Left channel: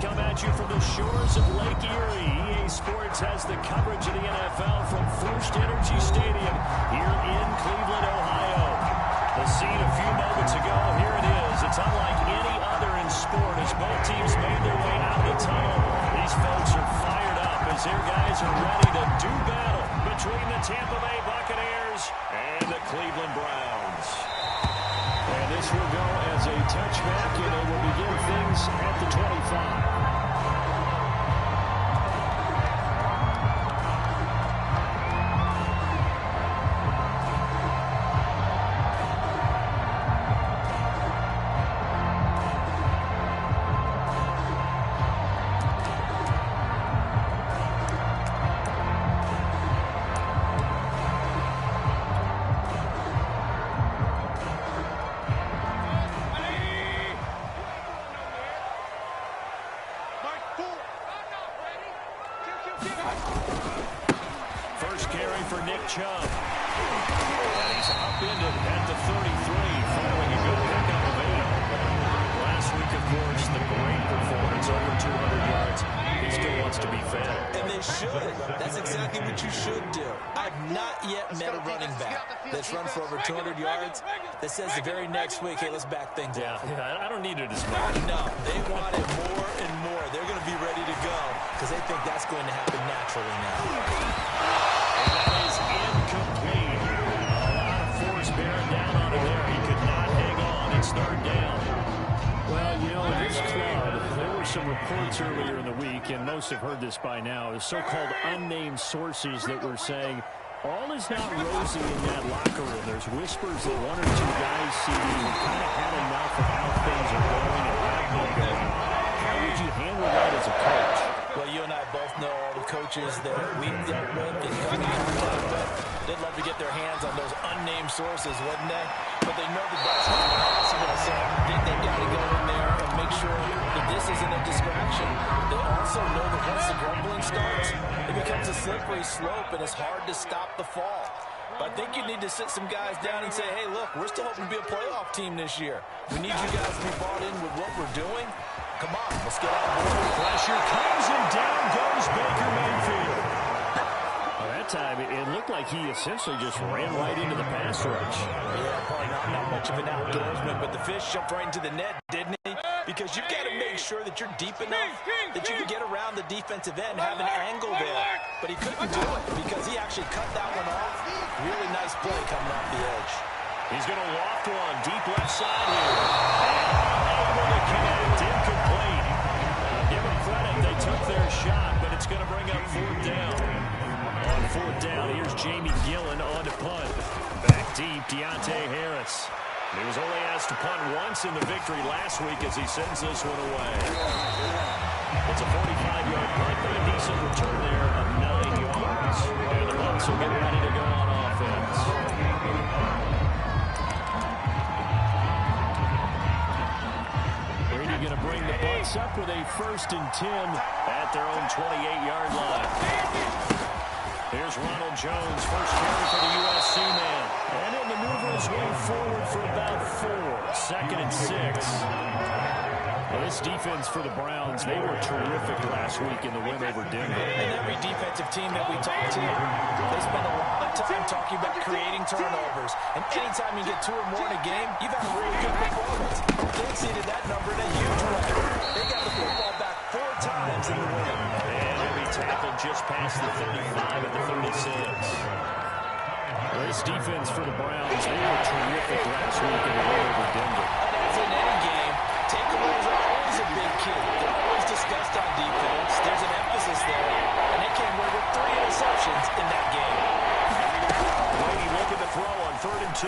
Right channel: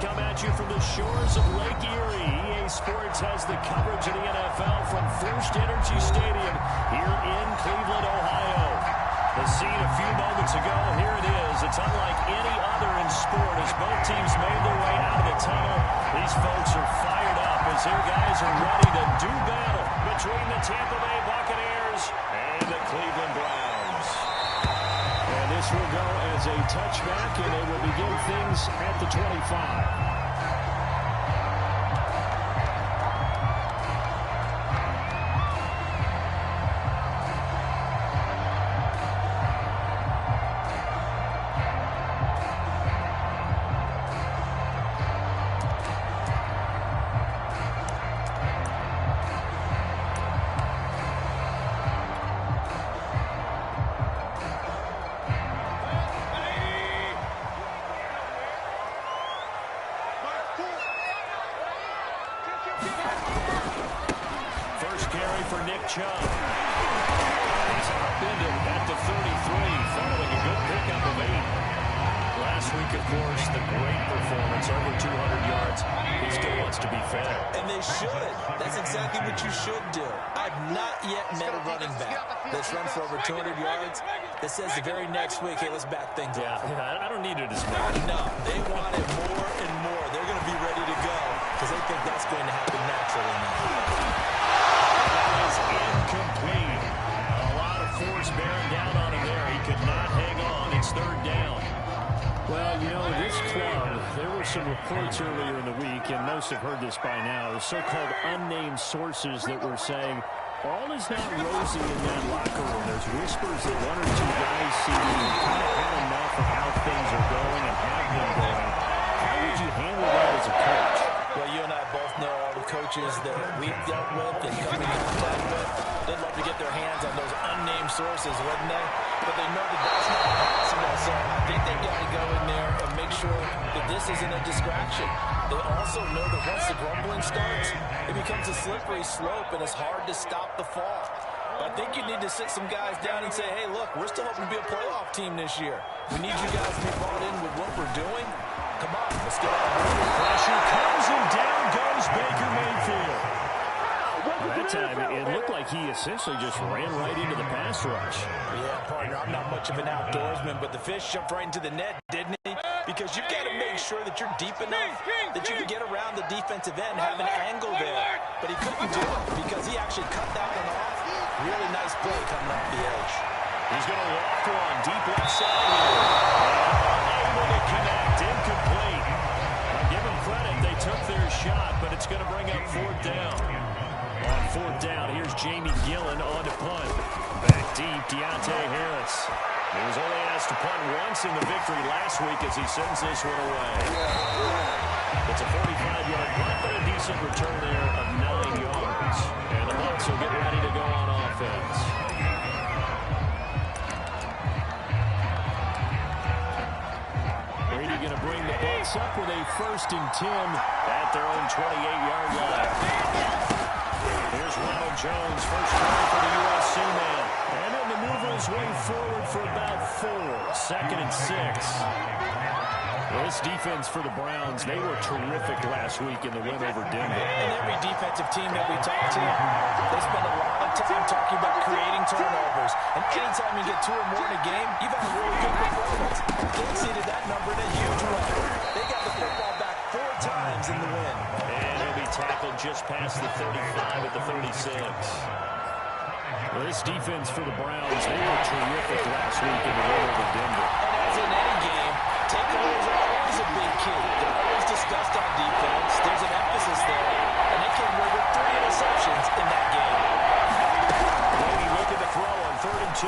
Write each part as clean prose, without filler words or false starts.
come at you from the shores of Lake Erie. EA Sports has the coverage of the NFL from First Energy Stadium here in Cleveland, Ohio. The scene a few moments ago, here it is. It's unlike any other in sport as both teams made their way out of the tunnel. These folks are fired up as their guys are ready to do battle between the Tampa Bay Buccaneers and the Cleveland Browns. And this will go as a touchback, and they will begin things at the 25. Chubb. And he's upended at the 33 following a good pickup of 8. Last week, of course, the great performance, over 200 yards. He still wants to be fed. And they should. That's exactly what you should do. I've not yet met a running back that's run for over 200 yards that says the very next week, hey, let's back things up. Yeah, I don't need it as much. No, they want it more and more. They're going to be ready to go because they think that's going to happen naturally now. That is incomplete. A lot of force bearing down on him there. He could not hang on. It's third down. Well, you know, this club, there were some reports earlier in the week, and most have heard this by now, the so-called unnamed sources that were saying all is not rosy in that locker room. There's whispers that one or two guys see have kind of had enough of how things are going and have been going. How would you handle that as a coach? Well, you and I both know all the coaches that we've dealt with and come in contact with. They'd love to get their hands on those unnamed sources, wouldn't they? But they know that that's not possible, so I think they've got to go in there and make sure that this isn't a distraction. They also know that once the grumbling starts, it becomes a slippery slope, and it's hard to stop the fall. But I think you need to sit some guys down and say, hey, look, we're still hoping to be a playoff team this year. We need you guys to be bought in with what we're doing. Come on, let's get on board. Pressure comes, and down goes Baker Mayfield. Well, that time, it looked like he essentially just ran right into the pass rush. Yeah, partner, I'm not much of an outdoorsman, but the fish jumped right into the net, didn't he? Because you've got to make sure that you're deep enough that you can get around the defensive end and have an angle there. But he couldn't do it because he actually cut that one off. Really nice play coming off the edge. He's going to loft one deep left side here. And unable to connect, incomplete. Now give them credit, they took their shot, but it's going to bring up fourth down. On fourth down, here's Jamie Gillen on to punt. Back deep, Deontay Harris. He was only asked to punt once in the victory last week as he sends this one away. It's a 45-yard punt, but a decent return there of 9 yards. And the Bucs will get ready to go on offense. Brady going to bring the Bucs up with a 1st and 10 at their own 28-yard line. Here's Ronald Jones, first carry for the USC man. And he'll maneuver his way forward for about 4. 2nd and 6. Well, this defense for the Browns, they were terrific last week in the win over Denver. And every defensive team that we talk to, they spend a lot of time talking about creating turnovers. And anytime you get 2 or more in a game, you've had a really good performance. They exceeded that number in a huge way. They got the football back 4 times in the win. And he'll be tackled just past the 35 at the 36. Well, this defense for the Browns, they were terrific last week in the win over Denver. And as in any game, takeaways are always a big key. They're always discussed on defense. There's an emphasis there. And they came away with 3 interceptions in that game. Brady looking to throw on 3rd and 2.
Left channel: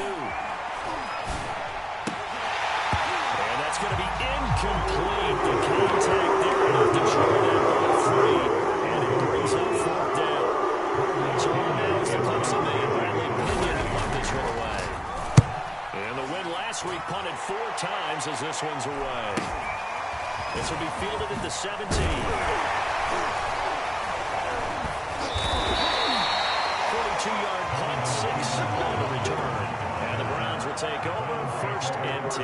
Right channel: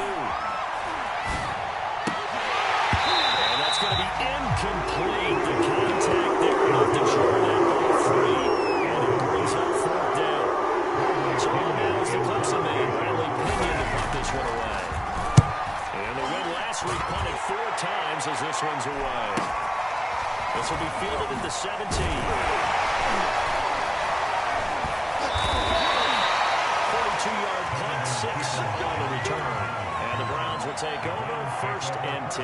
And that's going to be incomplete. The contact there enough to short that ball free. And it brings up 4th down. So on now is the Clemson man, Bradley Pinion, to punt this one away. And the win last week punted 4 times as this one's away. This will be fielded at the 17. 42 2-yard punt, 6 on the return. And the Browns will take over, 1st and 10.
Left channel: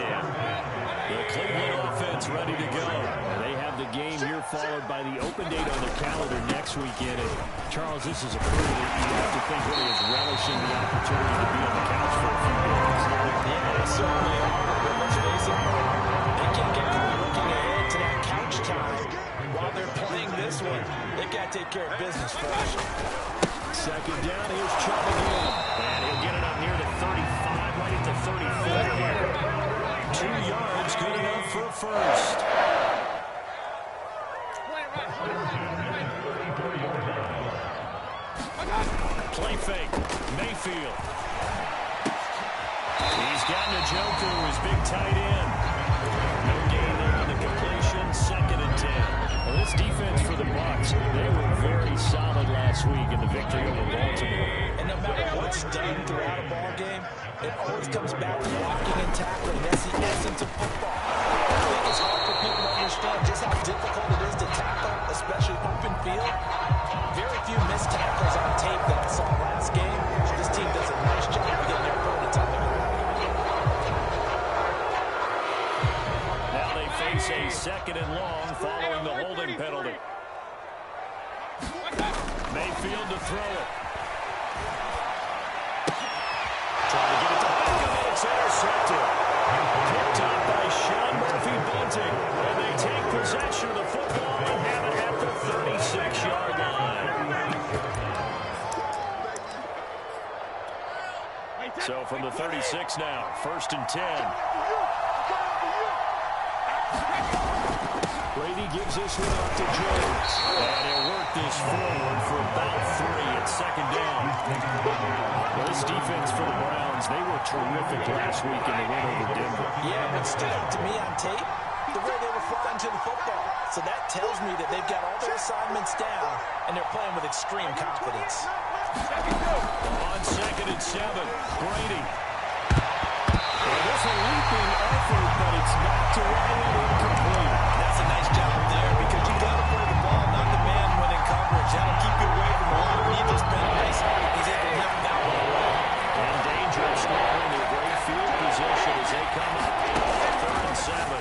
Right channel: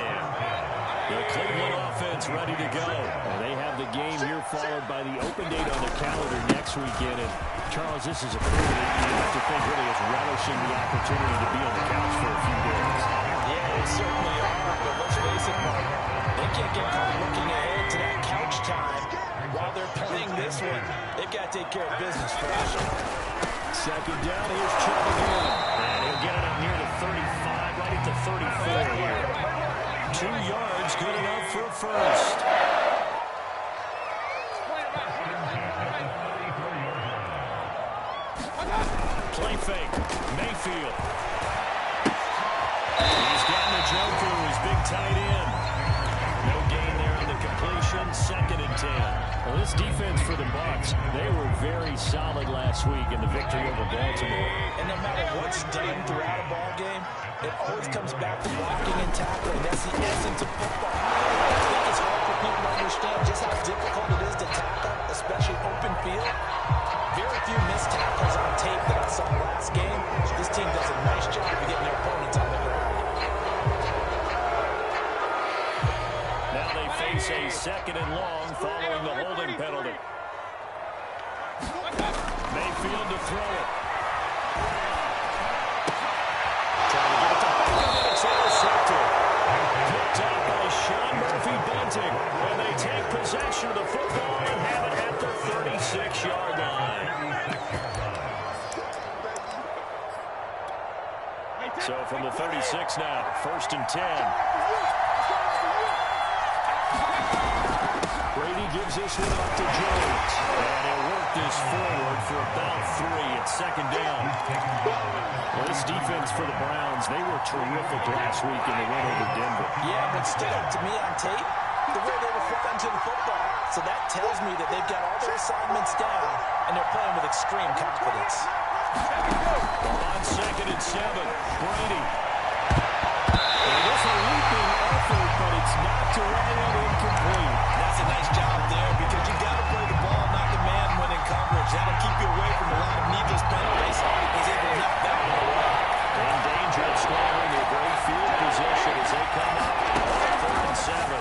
The Cleveland offense ready to go. And they have the game here followed by the open date on their calendar next weekend. And Charles, this is a crew that you have to think really is relishing the opportunity to be on the couch for a few days. Yeah, they certainly are. But let's face it, Mark, they can't get caught looking ahead to that couch time while they're playing this one. They've got to take care of business first. 2nd down, here's Chubb again. And he'll get it up near the 35, right at the 34 here. 2 yards, good enough for a first. Play fake, Mayfield. He's got Njoku, his big tight end. No gain there on the completion, 2nd and 10. Well, this defense for the Bucs, they were very solid last week in the victory over Baltimore. And no matter what's done throughout a ball game, it always comes back to blocking and tackling. That's the essence of football. I think it's hard for people to understand just how difficult it is to tackle, especially open field. Very few missed tackles on tape that I saw last game. This team does a nice job of getting their opponents on the ground. Now they face a 2nd and long following the holding penalty. Mayfield to throw it. Trying to get it to Beckham, and it's intercepted. Picked up by Sean Murphy-Bunting. And they take possession of the football and have it at the 36-yard line. So from the 36 now, 1st and 10. Brady gives this one off to Jones. And he'll work this forward for about 3 at 2nd down. Well, this defense for the Browns, they were terrific last week in the win over Denver. Yeah, what stood out to me on tape, the way they were flying to the football. So that tells me that they've got all their assignments down, and they're playing with extreme confidence. On 2nd and 7, Brady. Well, there's a leaping effort, but it's knocked away and incomplete. That's a nice job there because you got to play the ball, not the man when in coverage. That'll keep you away from a lot of needless penalties. He's able to knock that one away. In danger of squandering their great field position as they come up on 3rd and 7.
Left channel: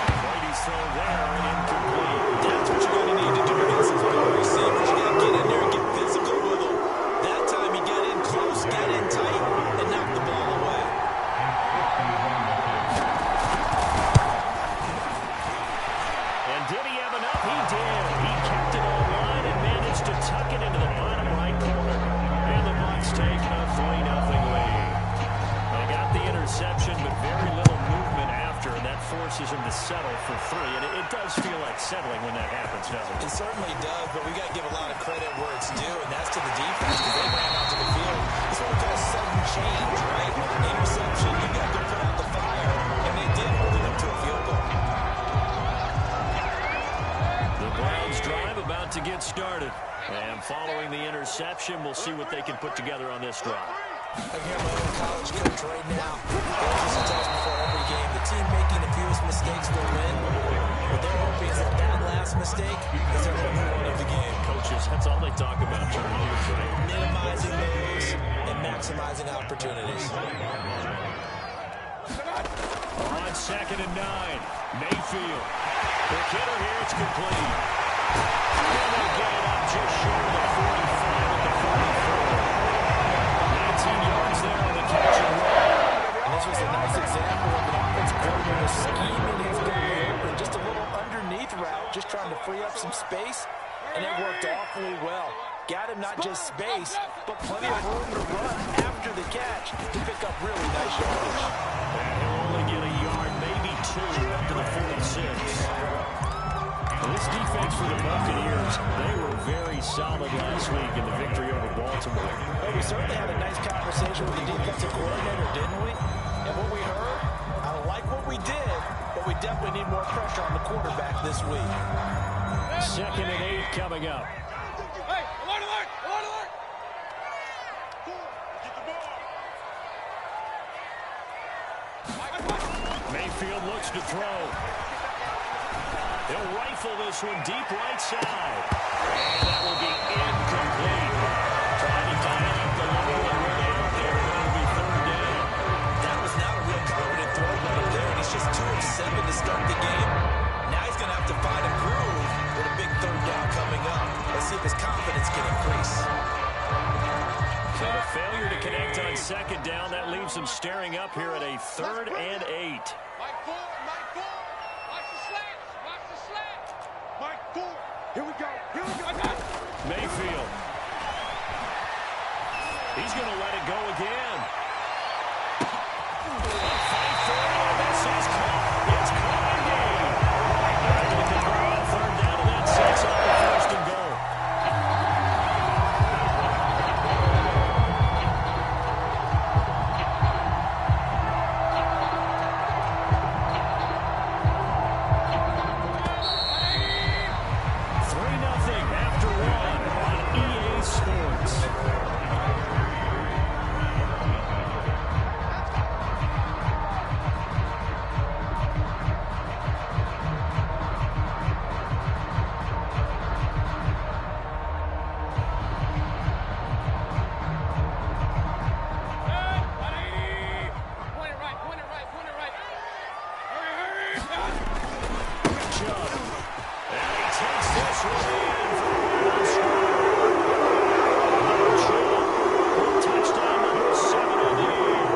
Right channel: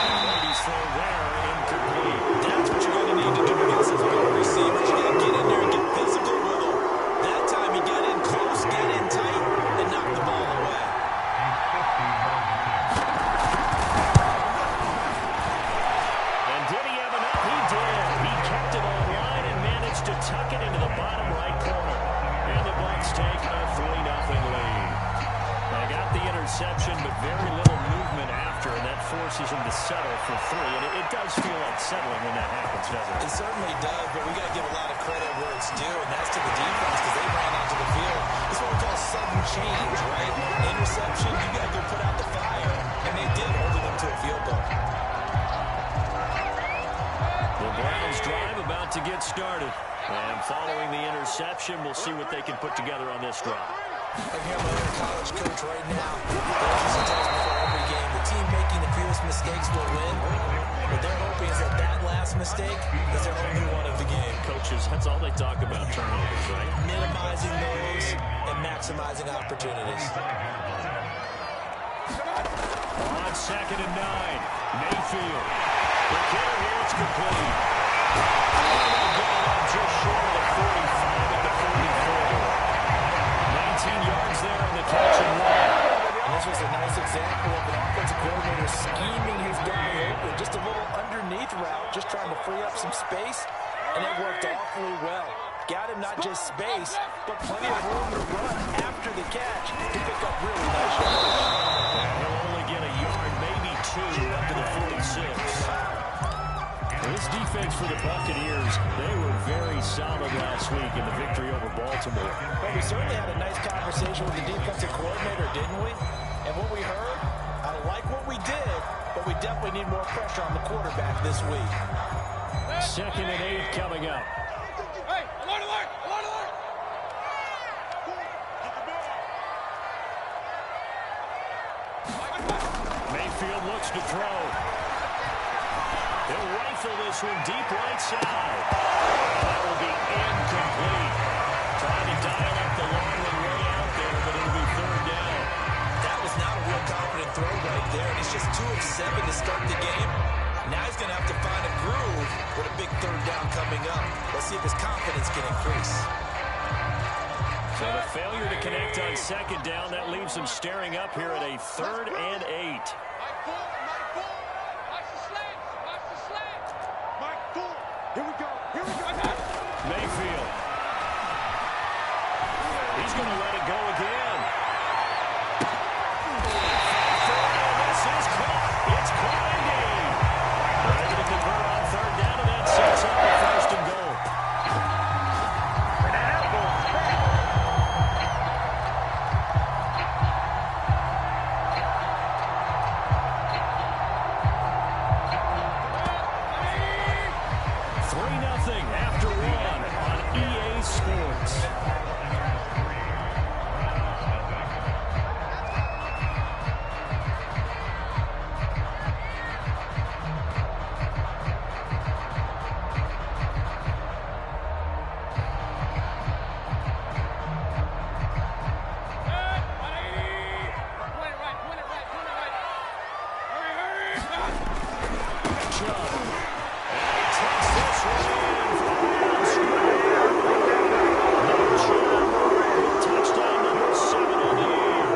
And Brady's throw there, incomplete. That's what you're going to need to do against those big receivers. You got to get in there and get physical with them. That time he got in close, got in tight, and knocked the ball away. And did he have enough? He did. He kept it online and managed to tuck it into the bottom right corner. And the Bucs take a 3-0 lead. They got the interception, but very little movement after, and that forces him to settle for 3. And it does feel like settling when that happens, doesn't it? It certainly does, but we got to give a lot of credit where it's due, and that's to the defense because they ran onto the field. It's what we call sudden change, right? Interception, you got to go put out the fire, and they did, holding them to a field goal. The Browns drive about to get started. And following the interception, we'll see what they can put together on this drive. I hear my own college coach right now. Coaches and tells before every game, the team making the fewest mistakes will win. What they're hoping is that last mistake is their only one of the game. Coaches, that's all they talk about, turnovers, right? Minimizing those and maximizing opportunities. On 2nd and 9, Mayfield. Quick hitter here, it's complete. And they get it up just short of the 45 at the 44. 19 yards there on the catch and run. And this was a nice example of an offensive coordinator scheming his guy open. Just a little underneath route, just trying to free up some space, and it worked awfully well. Got him not just space, but plenty of room to run after the catch to pick up really nice yardage. And he'll only get a yard, maybe 2, up to the 46. This defense for the Buccaneers, they were very solid last week in the victory over Baltimore. Well, we certainly had a nice conversation with the defensive coordinator, didn't we? And what we heard, I like what we did, but we definitely need more pressure on the quarterback this week. 2nd and 8 coming up. Hey, alert, alert, alert, alert! Get the ball! Mayfield looks to throw. He'll rifle this one deep right side. That will be incomplete. Trying to dial up the long one way out there, but it'll be third down. That was not a real confident throw right there, and he's just 2 of 7 to start the game. Now he's going to have to find a groove with a big third down coming up. Let's see if his confidence can increase. So the failure to connect on second down, that leaves him staring up here at a 3rd and 8. Mike 4, Mike 4. Watch the slants, watch the slants. Mike 4. Here we go, here we go. Mayfield. He's going to let it go again. Fight for it, and this is caught. It's caught indeed. They're able to convert on third down, and that sets up the 1st and goal. After 1 on EA Sports. Point it right. Hurry. Chubb. And he takes this one in from touchdown number 7 on the year.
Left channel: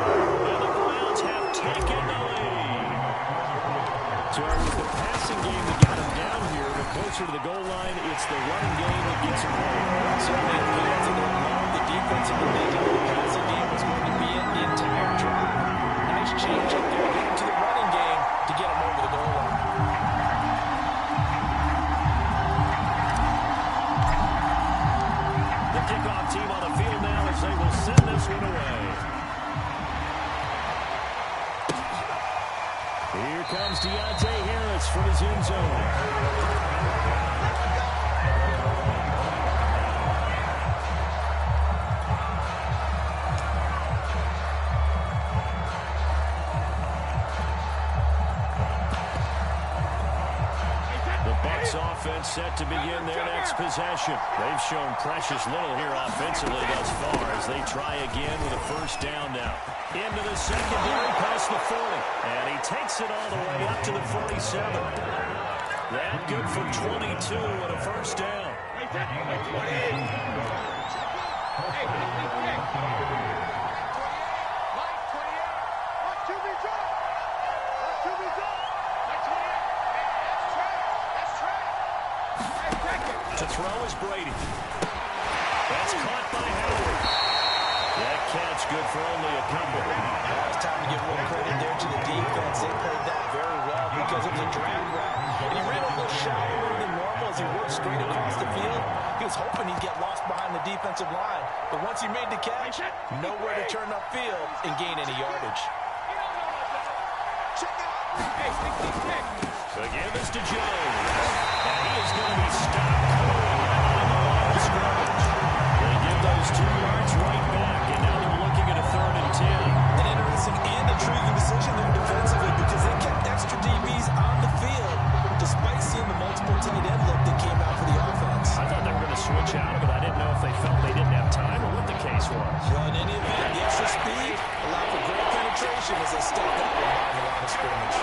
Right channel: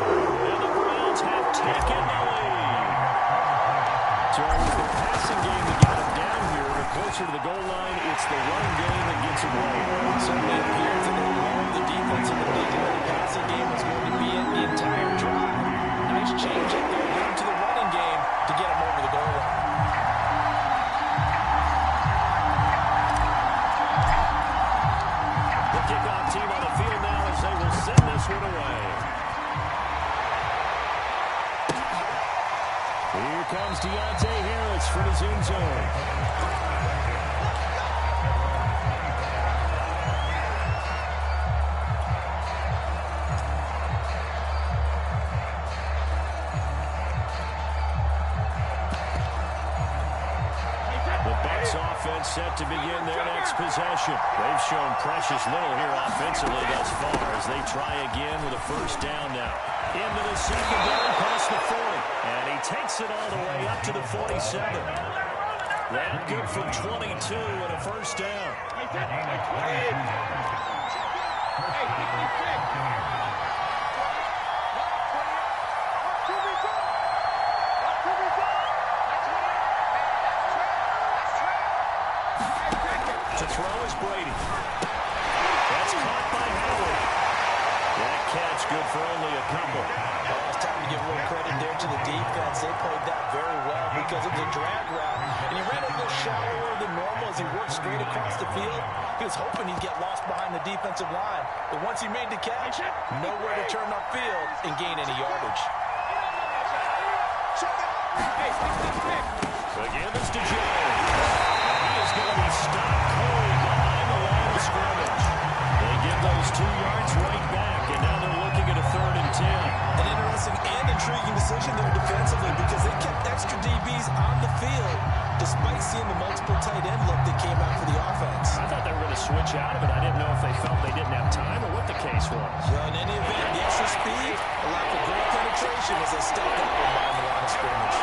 And the Browns have taken the lead. So it was the passing game that got him down here, but closer to the goal line, it's the running game that gets him home. It certainly appears that they loved the defense in the thinking that the passing game was going to be in the entire drive. Nice change up there, going to the running game to get him over the goal line. The kickoff team on the field now as they will send this one away. Here comes Deontay Harris from his end zone. The Bucs offense set to begin their next possession. They've shown precious little here offensively thus far as they try again with a 1st down now. Into the secondary past the 40. And he takes it all the way up to the 47. That good for 22 and a 1st down. To throw is Brady. That's caught by Howard. That catch good for only a couple. Oh, it's time to give a little credit there to the defense. They played that very well because it was a drag route, and he ran a little shallower than normal as he worked straight across the field. He was hoping he'd get lost behind the defensive line, but once he made the catch, nowhere to turn upfield and gain any yardage. Again, this to Jones. And he is going to be stopped cold behind the line of scrimmage. They give those 2 yards right back, and now they're looking at a 3rd and 10. An interesting and intriguing decision there defensively because they kept extra DBs on the field despite seeing the multiple tight end look that came out for the offense. I thought they were going to switch out of it. I didn't know if they felt they didn't have time or what the case was. Well, in any event, the extra speed allowed for great penetration as they stepped that one behind the line of scrimmage.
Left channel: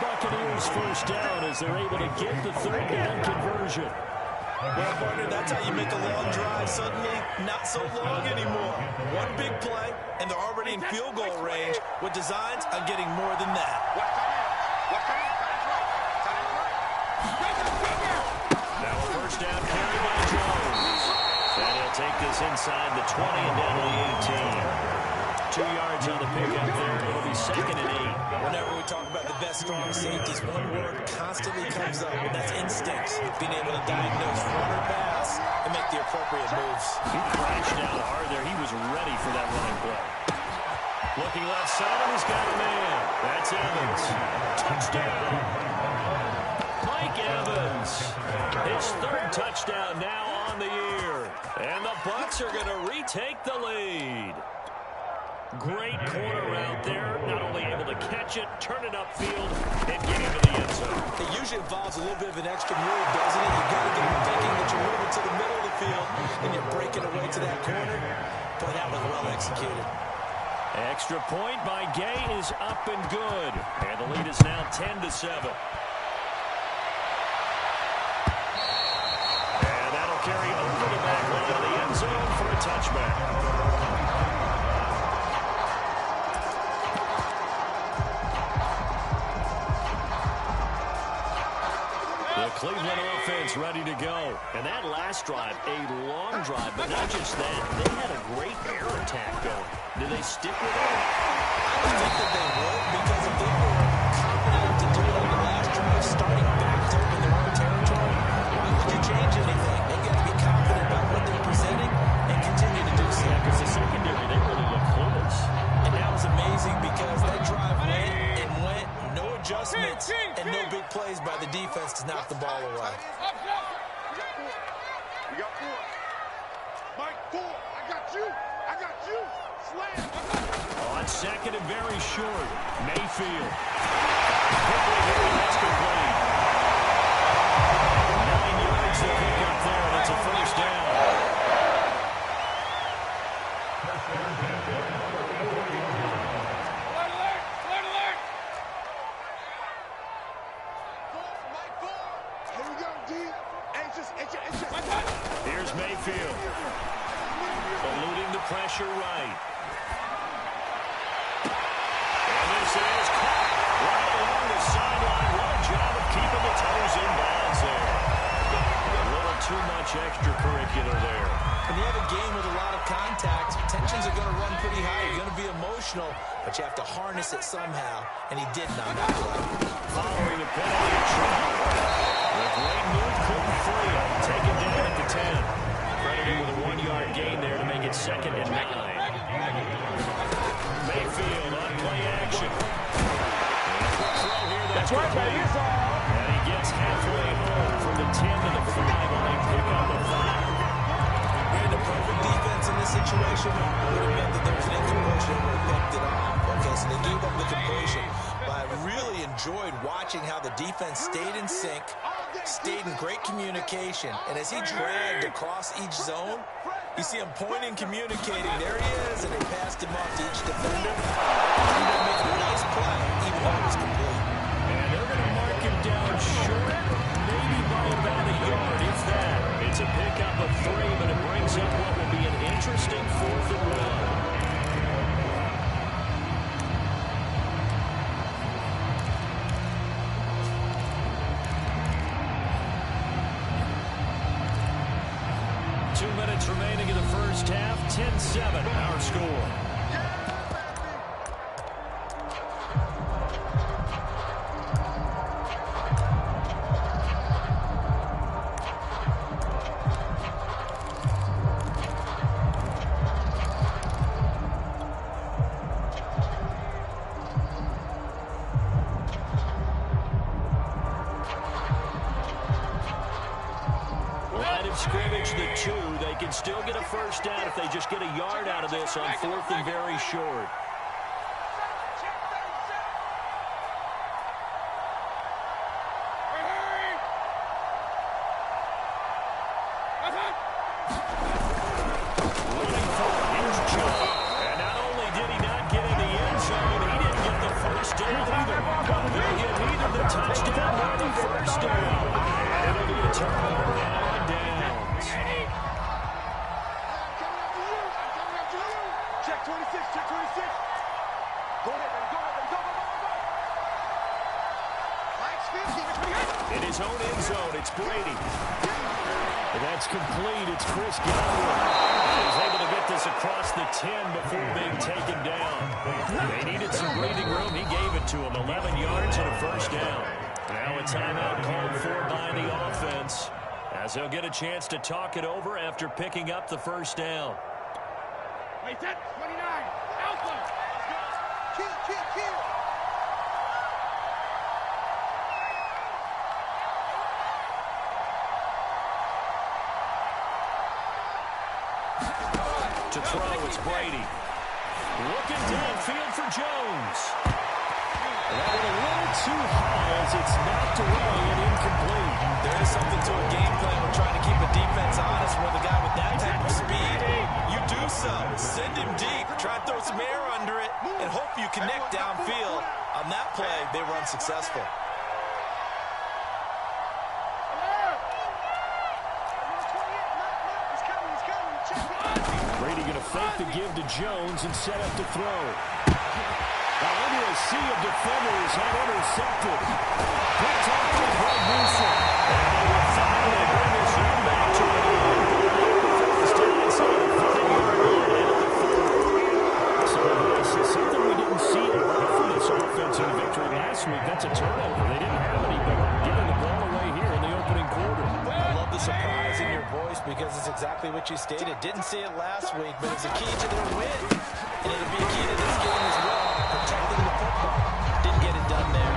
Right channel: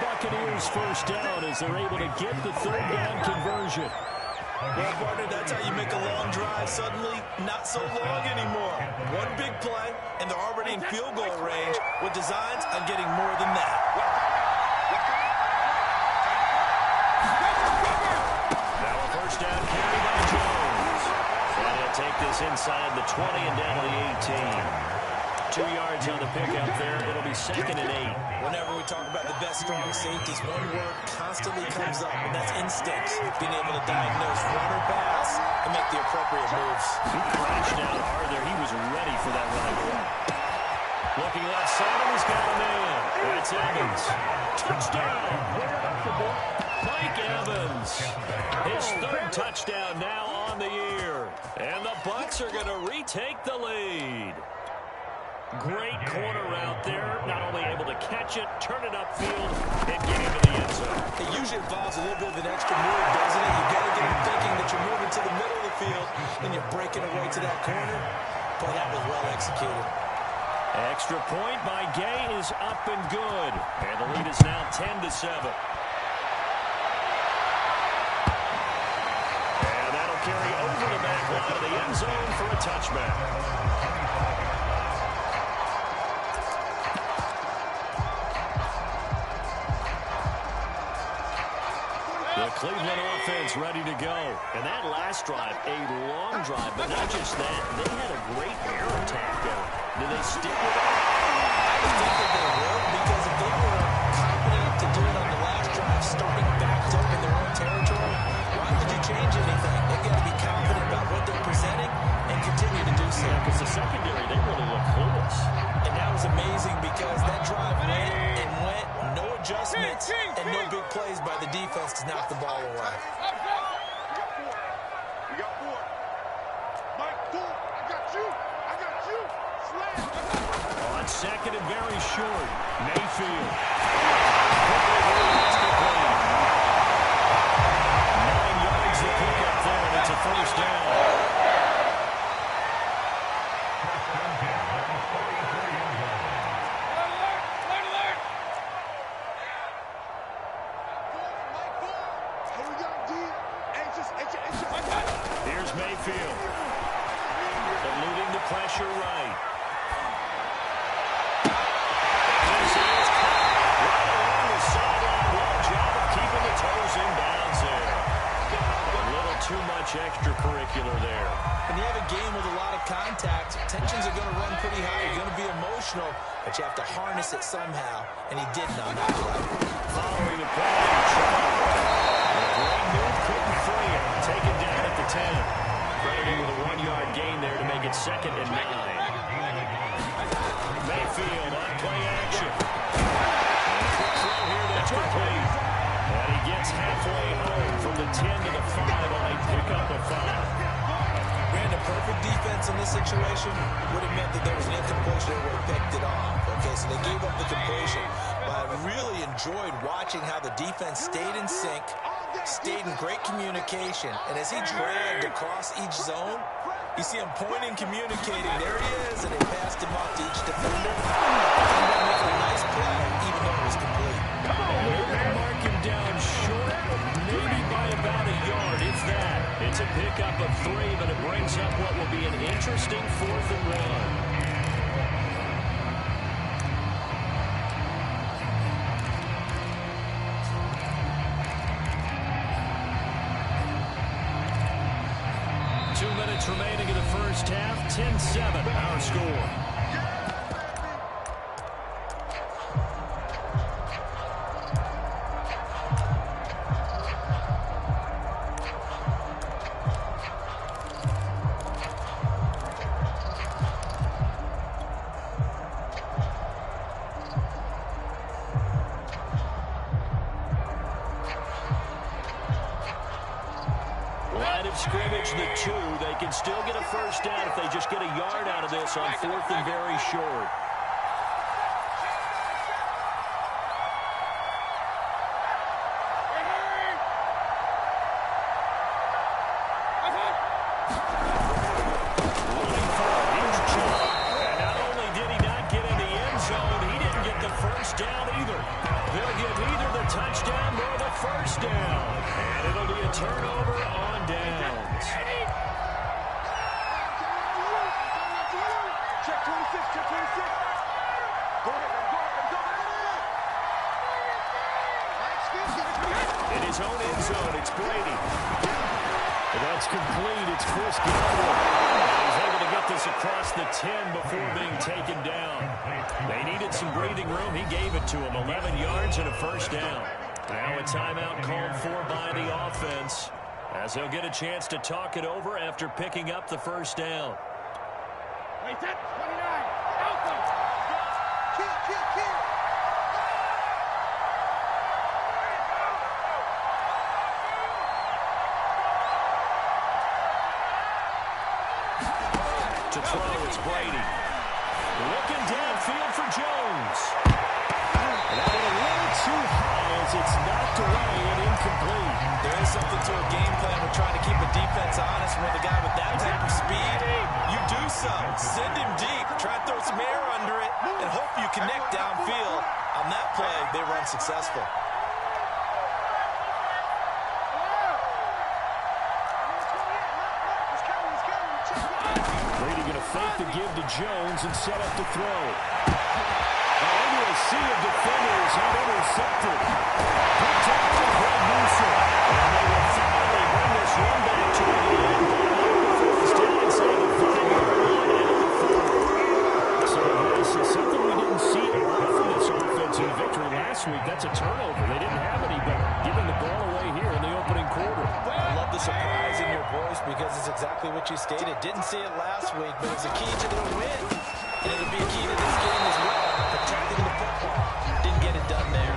Buccaneers 1st down as they're able to get the 3rd down conversion. Well, partner, that's how you make a long drive suddenly not so long anymore. One big play, and they're already in field goal range with designs on getting more than that. Now a 1st down carry by Jones. And he'll take this inside the 20 and down to the 18. 2 yards on the pickup there. It'll be 2nd and 8. Whenever we talk about the best strong safeties, one word constantly comes up, and that's instinct. Being able to diagnose run or pass and make the appropriate moves. He crashed out hard there. He was ready for that running play. Looking left side, and he's got a man. That's Evans. Touchdown! Mike Evans. His third touchdown now on the year. And the Bucs are going to retake the lead. Great corner route there. Not only able to catch it, turn it upfield, and get into the end zone. It usually involves a little bit of an extra move, doesn't it? You've got to get him thinking that you're moving to the middle of the field, and you're breaking away to that corner. Boy, that was well executed. Extra point by Gay is up and good. And the lead is now 10-7. And that'll carry over the back line of the end zone for a touchback. The Cleveland offense ready to go. And that last drive, a long drive, but not just that. They had a great air attack going. Do they stick with it? I would think that they would, because if they were confident enough to do it on the last drive, starting backed up in their own territory, why would you change anything? They've got to be confident about what they're presenting and continue to do so. Yeah, because the secondary, they really look clueless. And that was amazing because that drive went and went, no adjustments, and no big plays by the defense to knock the ball away. We got four. Mike, four. I got you. I got you. Slam. On second and very short. Mayfield. Quickly here, and that's complete. 9 yards to pick up there, and it's a first down. Here's Mayfield. Eluding the pressure right. And this is caught right along the sideline. What a job of keeping the toes in bounds there. A little too much extracurricular there. When you have a game with a lot of contact, tensions are going to run pretty high. You're going to be emotional, but you have to harness it somehow, and he didn't on that play. Following the penalty trouble. A great move, couldn't free him. Take it down at the 10. Credited with a 1-yard gain there to make it 2nd and 9. Mayfield on play action. And a quick throw here that's complete. And he gets halfway home from the 10 to the 5 on a pickup of 5. Ran a perfect defense in this situation would have meant that there was an incompletion that would have picked it off. Okay, so they gave up the completion. But I really enjoyed watching how the defense stayed in sync, stayed in great communication. And as he dragged across each zone, you see him pointing, communicating. There he is, and they passed him off to each defender. Ended up making a nice play, even though it was complete. And they're going to mark him down short, maybe by about a yard, if that. It's a pickup of 3, but it brings up what will be an interesting 4th and 1. Minutes remaining in the first half. 10-7 our score. Line of scrimmage, the 2. They can still get a first down if they just get a yard out of this on 4th and very short. Running for it, here's Joe. And not only did he not get in the end zone, he didn't get the first down either. They'll get neither the touchdown nor the first down. And it'll be a turnover on downs. Check 26, check 26. Go ahead, baby, go ahead, baby, go, go, go, go, go. Mike's 50. In his own end zone, it's Brady. And that's complete. It's Chris Godwin. And he's able to get this across the 10 before being taken down. They needed some breathing room. He gave it to him. 11 yards and a first down. Now a timeout called for by the offense, as they'll get a chance to talk it over after picking up the first down. Wait, set, 29, Alpha. Kill. To throw, it's Brady. Looking downfield for Jones. That one a little too high as it's knocked away and incomplete. There is something to a game plan with trying to keep a defense honest with a guy with that type of speed. You do so. Send him deep. Try to throw some air under it and hope you connect downfield. On that play, they were unsuccessful. Brady going to fake the give to Jones and set up to throw. Now into a sea of defenders and intercepted. Good tackle with Greg Newsom. And they will finally bring this run back to an end. First down inside the 5-yard line at the 4. So this is something we didn't see a lot from this offense in the victory last week. That's a turnover. They didn't have any, but giving the ball away here in the opening quarter. I love the surprise in your voice because it's exactly what you stated. Didn't see it last week, but it's a key to their win. And it'll be a key to this game as well. Protecting the football. Didn't get it done there.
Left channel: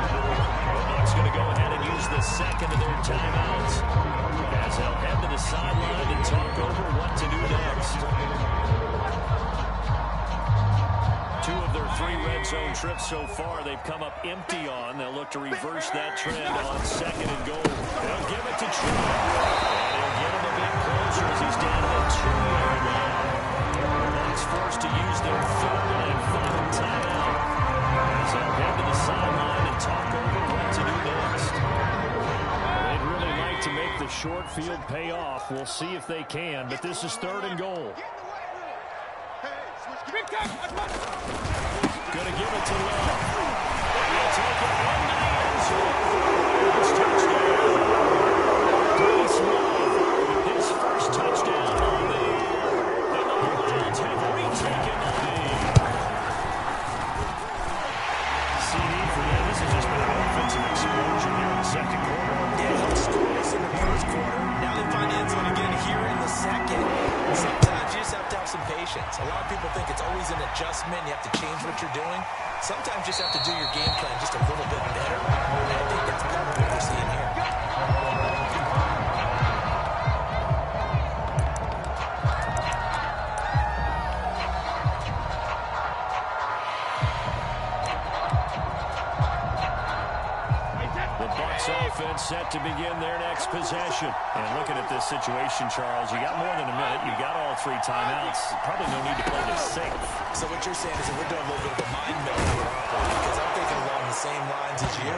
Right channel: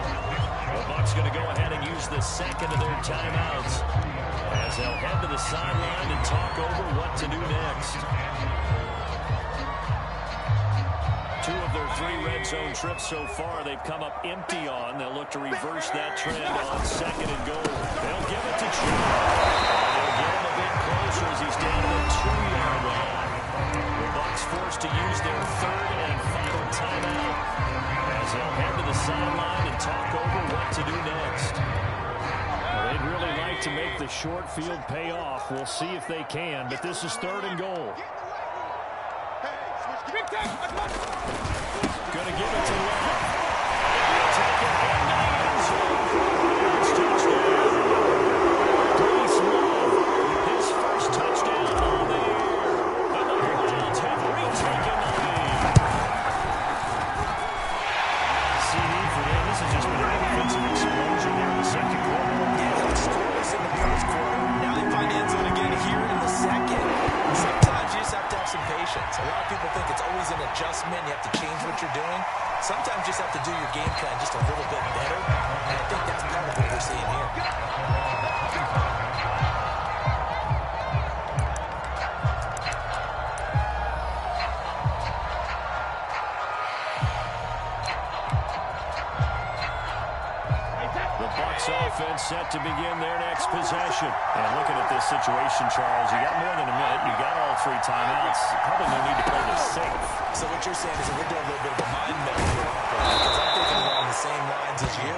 The Bucs going to go ahead and use the second of their timeouts as they'll head to the sideline and talk over what to do next. 2 of their 3 red zone trips so far they've come up empty on. They'll look to reverse that trend on 2nd and goal. They'll give it to Chubb. And he'll get him a bit closer as he's down to the 2-yard line. The Bucs forced to use their 3rd and final timeout as they'll head to the sideline and talk over what to do next. Well, they'd really like to make the short field pay off. We'll see if they can, but this is 3rd and goal. Going to give it to Love. And he'll take it into the end zone for a Ravens touchdown. Grace Love, his first touchdown on the year. And the Browns have retaken the lead. CD for them. This has just been an offensive explosion here in the 2nd quarter. Yeah, it helped scoreless in the 1st quarter. Now they find the end zone again here in the 2nd. Sometimes you just have to have some patience. A lot of people think it's always an adjustment. You have to change what you're doing. Sometimes you just have to do your game plan just a little bit better. And I think that's part of what we're seeing here. The Bucs offense set to begin their next possession. And looking at this situation, Charles, you got more than a minute. You got all 3 timeouts. Probably no need to play this safe. So what you're saying is that we're doing a little bit of a mind meld here, because I'm thinking along the same lines as you.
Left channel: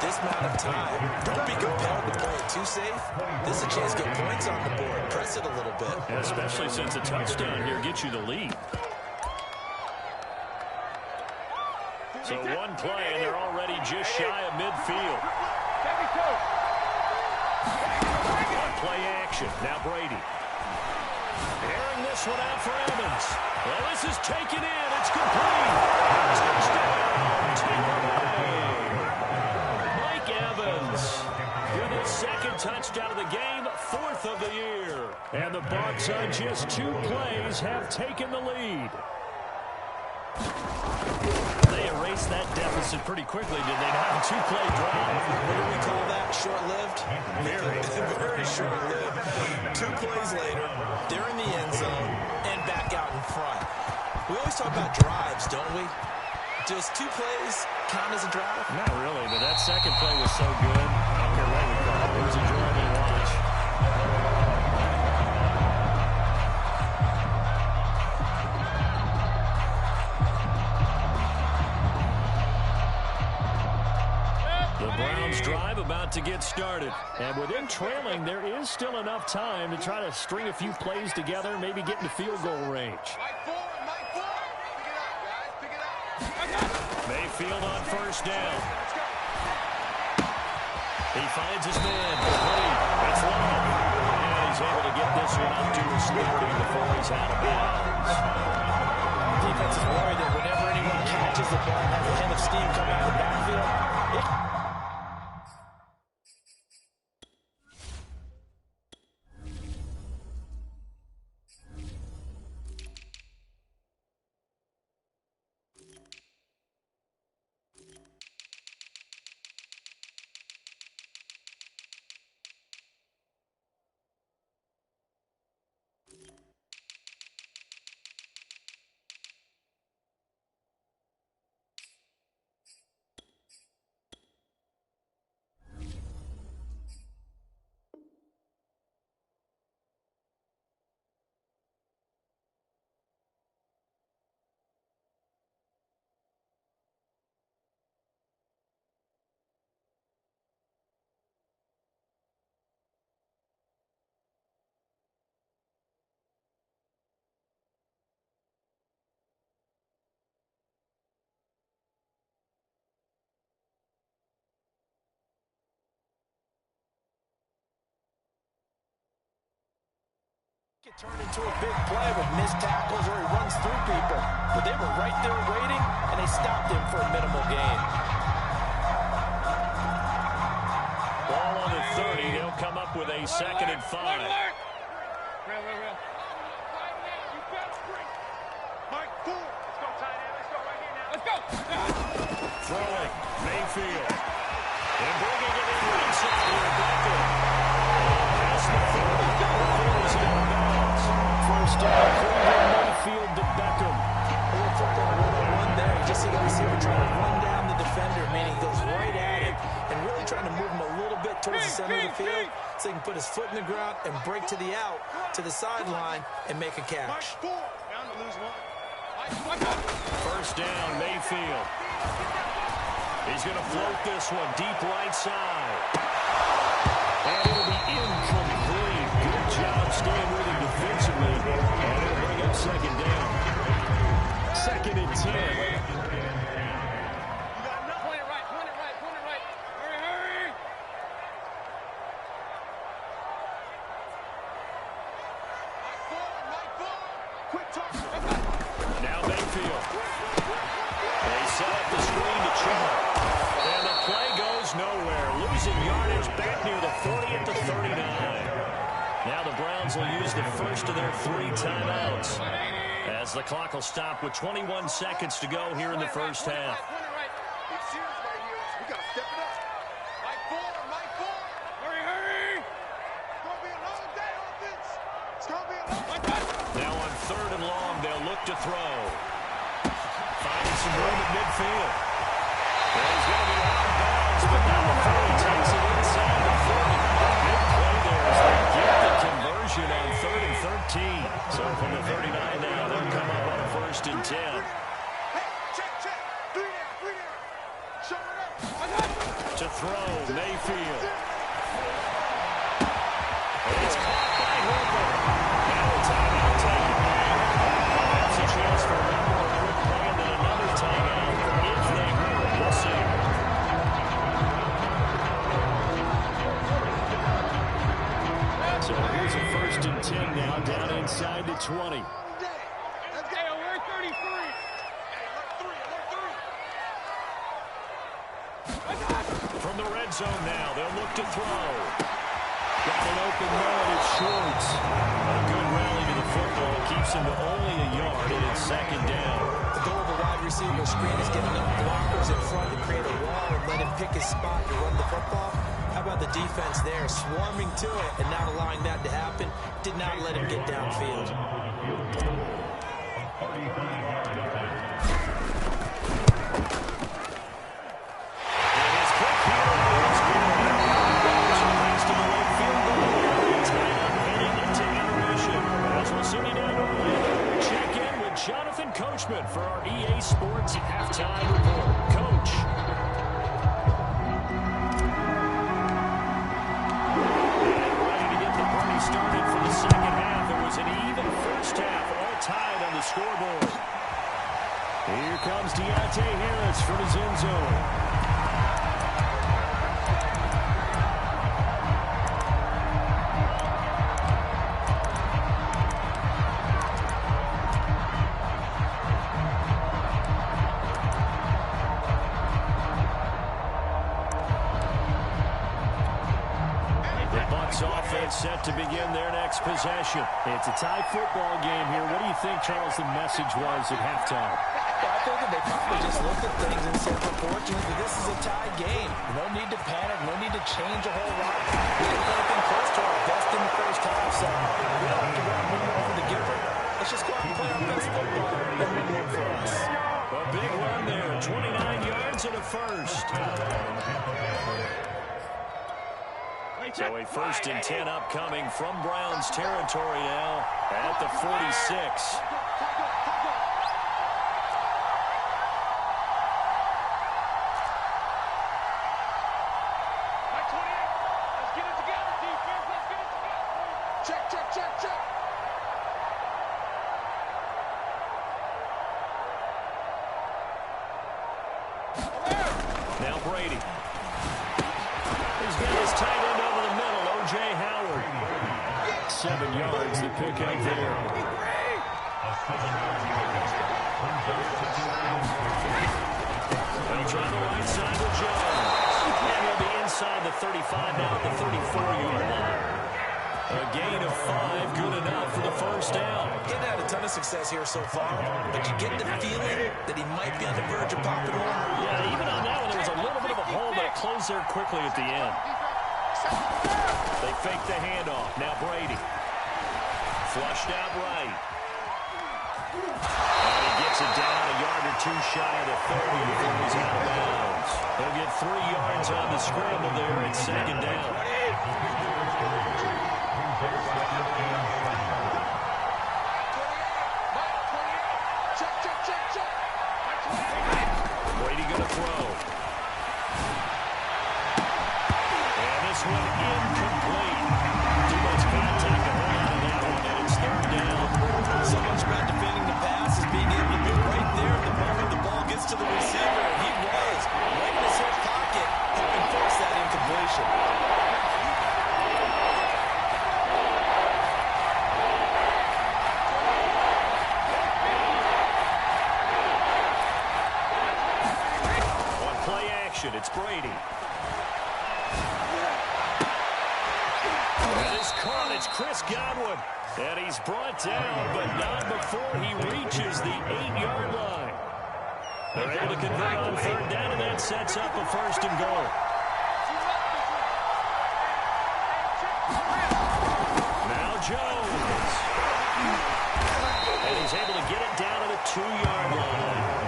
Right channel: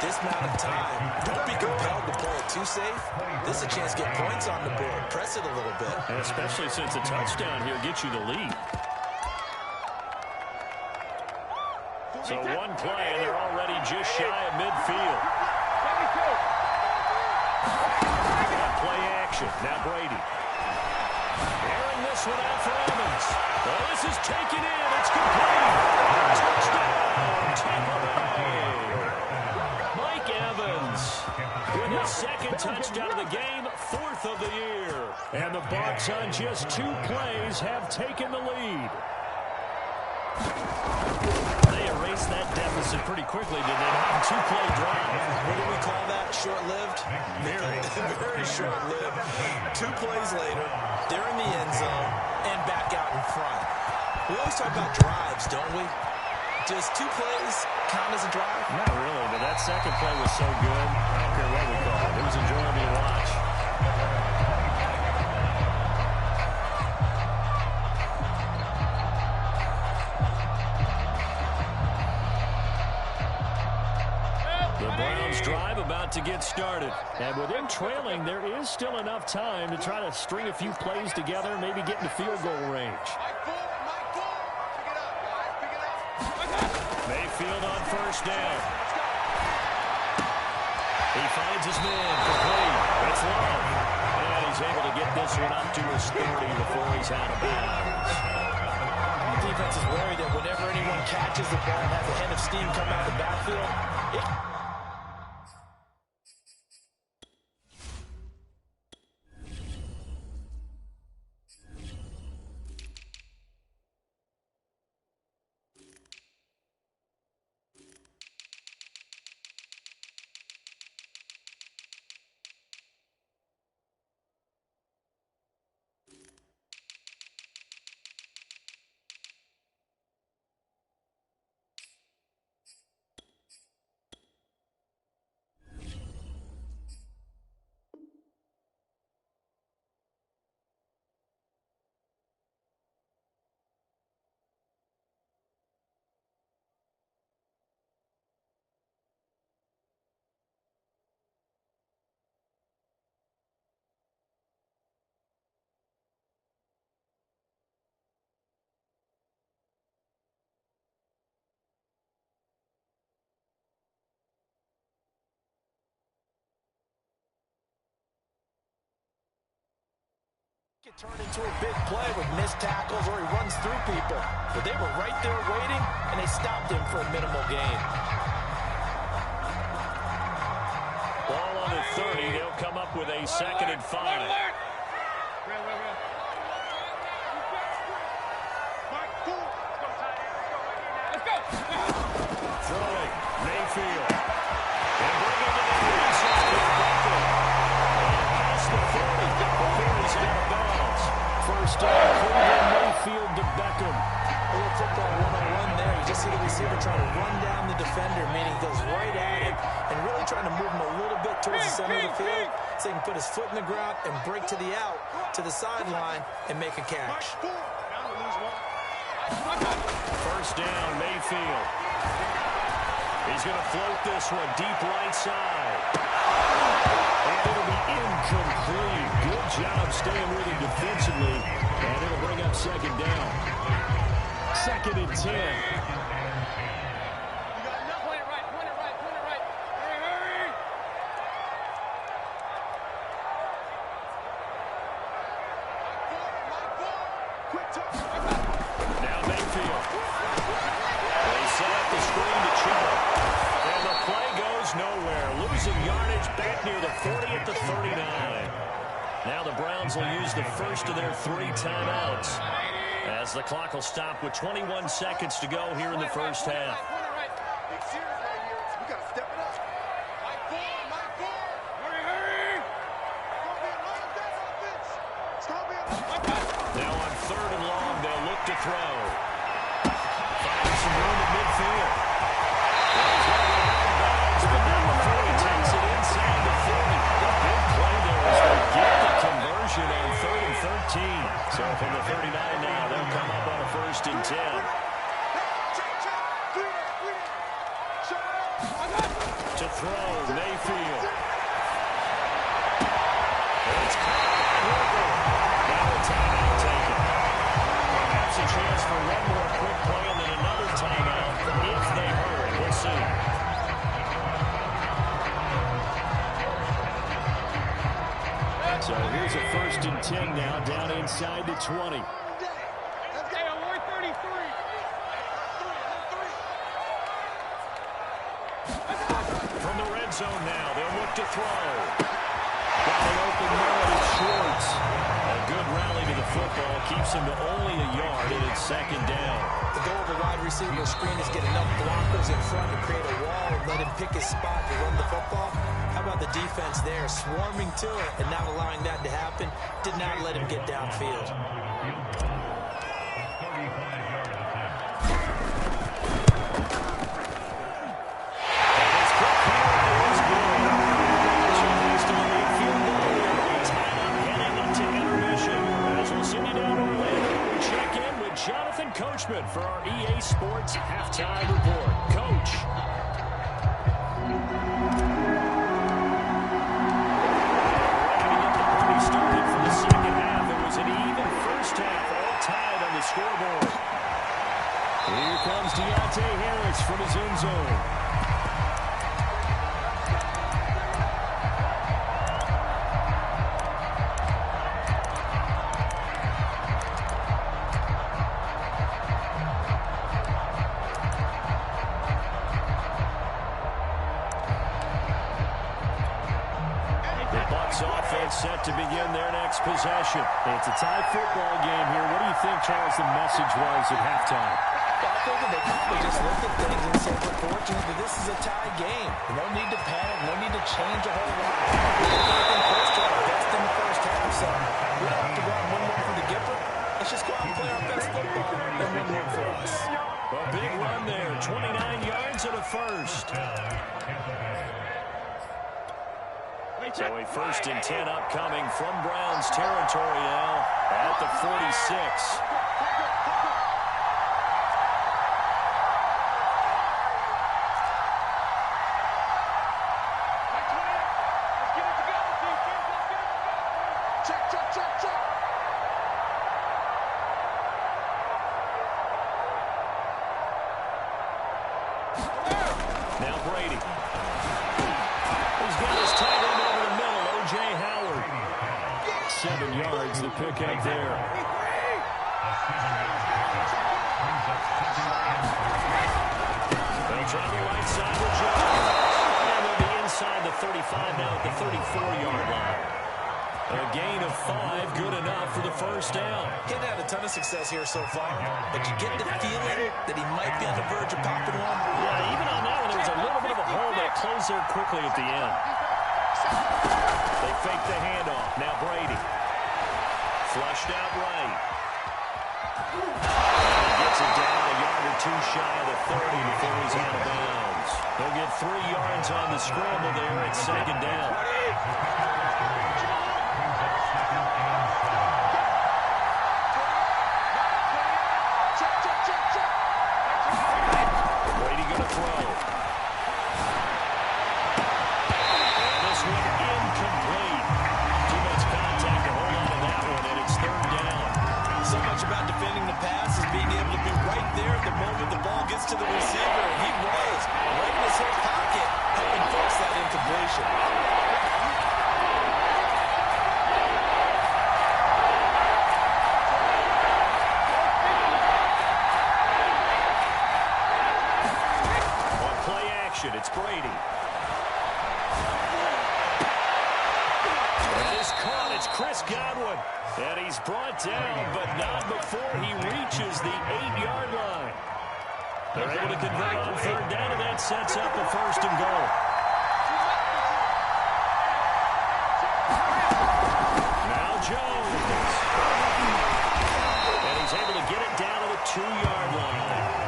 This amount of time, don't be compelled to play it too safe. This is a chance to get points on the board. Press it a little bit. And especially since a touchdown here gets you the lead. So 1 play, and they're already just shy of midfield. 1-play action. Now Brady. Airing this one out for Evans. Well, this is taken in. It's complete. Touchdown. Take away. Mike Evans with his 2nd touchdown of the game, 4th of the year. And the Bucs on just 2 plays have taken the lead. They erased that deficit pretty quickly, did they not? 2-play drive. What do we call that? Short-lived? Very. Very short-lived. 2 plays later, they're in the end zone and back out in front. We always talk about drives, don't we? Does 2 plays count as a drive? Not really, but that 2nd play was so good. I don't care what we call it. It was enjoyable to watch. The Browns drive about to get started. And with them trailing, there is still enough time to try to string a few plays together, maybe get into field goal range. Mike forward. Pick it up, guys. Pick it up. Mayfield on 1st down. He finds his man complete. It's Love. And he's able to get this one up to his 30 before he's out of bounds. Defense is worried that whenever anyone catches the ball and has a head of steam come out of the backfield, It turned into a big play with missed tackles or he runs through people. But they were right there waiting, and they stopped him for a minimal gain. Ball on the 30. They'll come up with a 2nd and 5. Real. Mike Ford. Let's go, tight end. Let's go right here now. Let's go. Throwing. Mayfield. And bringing it in inside here. Beckham. And past the 40. Before he's out of bounds. First down. Cleveland Mayfield to Beckham. A little football 101 there. You just see the receiver trying to run down the defender, meaning he goes right at him and really trying to move him a little bit towards the center of the field so he can put his foot in the ground and break to the out, to the sideline, and make a catch. Down to lose one. First down, Mayfield. He's going to float this one deep right side. And it'll be incomplete. Good job staying with him defensively. And it'll bring up 2nd down. 2nd and 10. You got enough. Point it right. Hurry. Mike Ford. Quick touch. Now Mayfield. They set up the screen to Chubb. And the play goes nowhere. Losing yardage back near the 40 at the 39. Now the Browns will use the first of their 3 timeouts, as the clock will stop with 21 seconds to go here in the first half. Big series right here. We got to step it up. Mike Ford. Hurry. It's going to be a long day, offense. It's going to be a long day. Now on 3rd and long, they'll look to throw. Finding some room at midfield. Well, he's going to be out of bounds, but not before he takes it inside the 40. A big play there as they get the conversion on 3rd and 13. So from the 39 now, they'll come up on a 1st and 10. Hey, check. 3 down. Show it up. To throw, Mayfield. And it's caught by Hooper. Now a timeout taken. Perhaps a chance for one more quick play and then another timeout if they hurry. We'll see. So here's a 1st and 10 now, down inside the 20. Let's go. Alert 33. From the red zone now, they'll look to throw. Got an open man, it's Schwartz. A good rally to the football, keeps him to only a yard, and it's 2nd down. The goal of a wide receiver screen is get enough blockers in front to create a wall and let him pick his spot to run the football. How about the defense there, swarming to it and not allowing that to happen? Did not let him get downfield. And his kick here is good. So thanks to the late field goal, we are tied up heading into intermission. As we'll send you down to Orlando, we check in with Jonathan Coachman for our EA Sports Halftime Report. Coach. Started for the 2nd half. It was an even first half, all tied on the scoreboard. Here comes Deontay Harris from his end zone. Bucs offense set to begin their next possession. It's a tie football game here. What do you think, Charles, the message was at halftime? Well, I think that they probably just looked at things and said, unfortunately, this is a tie game. No need to panic. No need to change a whole lot. We didn't do anything close to our best in the first half, so we don't have to go out and win one for the Gipper. Let's just go out and play our best football and win one for us. A big run there, 29 yards and a first. So a 1st and 10 upcoming from Browns territory now at the 46. Mike 28. Let's get it together, defense. Let's get it together. Check. Now Brady. He's got his tight end over the middle, O.J. Howard. 7 yards to pick up there. They'll try the right side with Jones. And they'll be inside the 35 now at the 34-yard line. A gain of 5, good enough for the first down. He's had a ton of success here so far, but you get the feeling that he might be on the verge of popping one. Yeah, even on that one, there was a little bit of a hole, but it closed there quickly at the end. They fake the handoff. Now Brady. Flushed out right. And he gets it down a yard or 2 shy of the 30 before he's out of bounds. He'll get 3 yards on the scramble there at 2nd down. Brady going to throw. And this one incomplete. Too much contact to hold on to that one, and it's 3rd down. So much about defending the pass is being able to be right there at the moment the ball gets to the receiver, and he was right in his hip pocket, helping force that incompletion. It's Brady. That is caught. It's Chris Godwin. And he's brought down, but not before he reaches the 8-yard line. They're able to convert on 3rd down, and that sets up a 1st and goal. Now Jones. And he's able to get it down to the 2-yard line.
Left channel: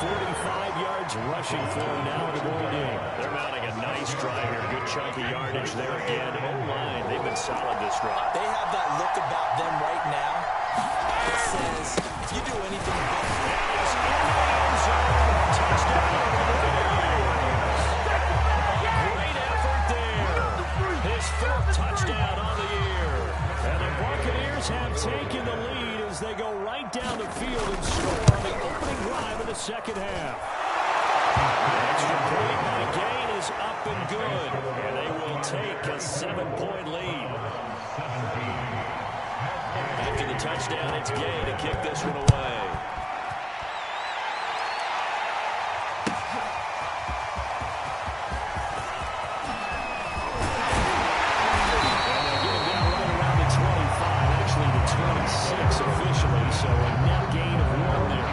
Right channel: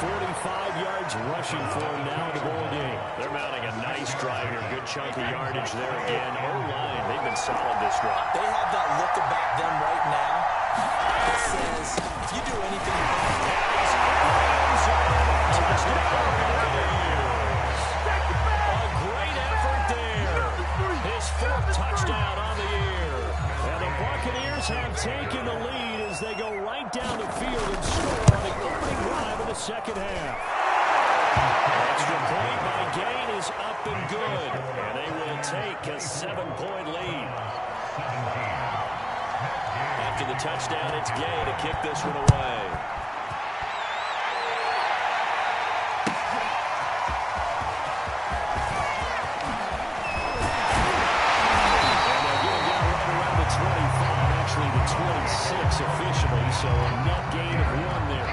45 yards rushing for him now in the ball game. They're mounting a nice drive here. Good chunk of yardage there again. O-line, they've been solid this drive. They have that look about them right now that says, if you do anything but... And he's in the end zone. Touchdown, Buccaneers. A great effort there. His 4th touchdown on the year. And the Buccaneers have taken the lead as they go right down the field and score on the opening drive of the 2nd half. Extra point by Gain is up and good, and they will take a 7-point lead. After the touchdown, it's Gain to kick this one away. And they'll get him down right around the 25, actually the 26 officially, so a net gain of 1 there.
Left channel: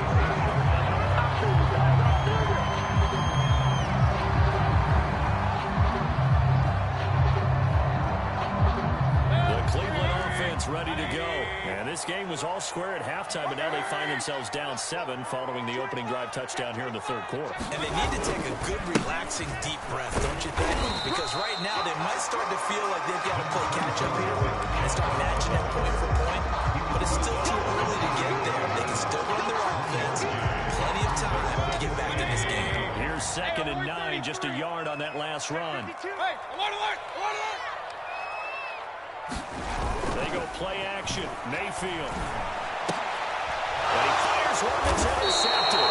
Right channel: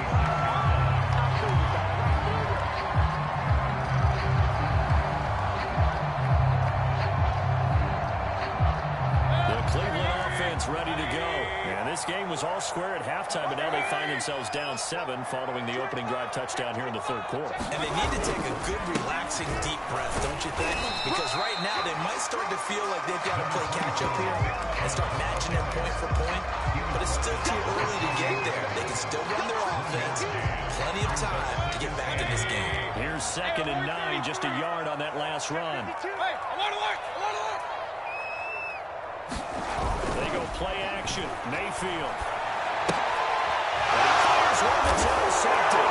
Cleveland offense ready to go. And this game was all square at halftime, but now they find themselves down 7 following the opening drive touchdown here in the 3rd quarter. And they need to take a good, relaxing, deep breath, don't you think? Because right now they might start to feel like they've got to play catch-up here and start matching it point for point. But it's still too early to get there. They can still run their offense. Plenty of time to get back in this game. Here's 2nd and 9, just a yard on that last run. Hey, I want to look! I want to look! They go play action. Mayfield. And he fires one that's intercepted.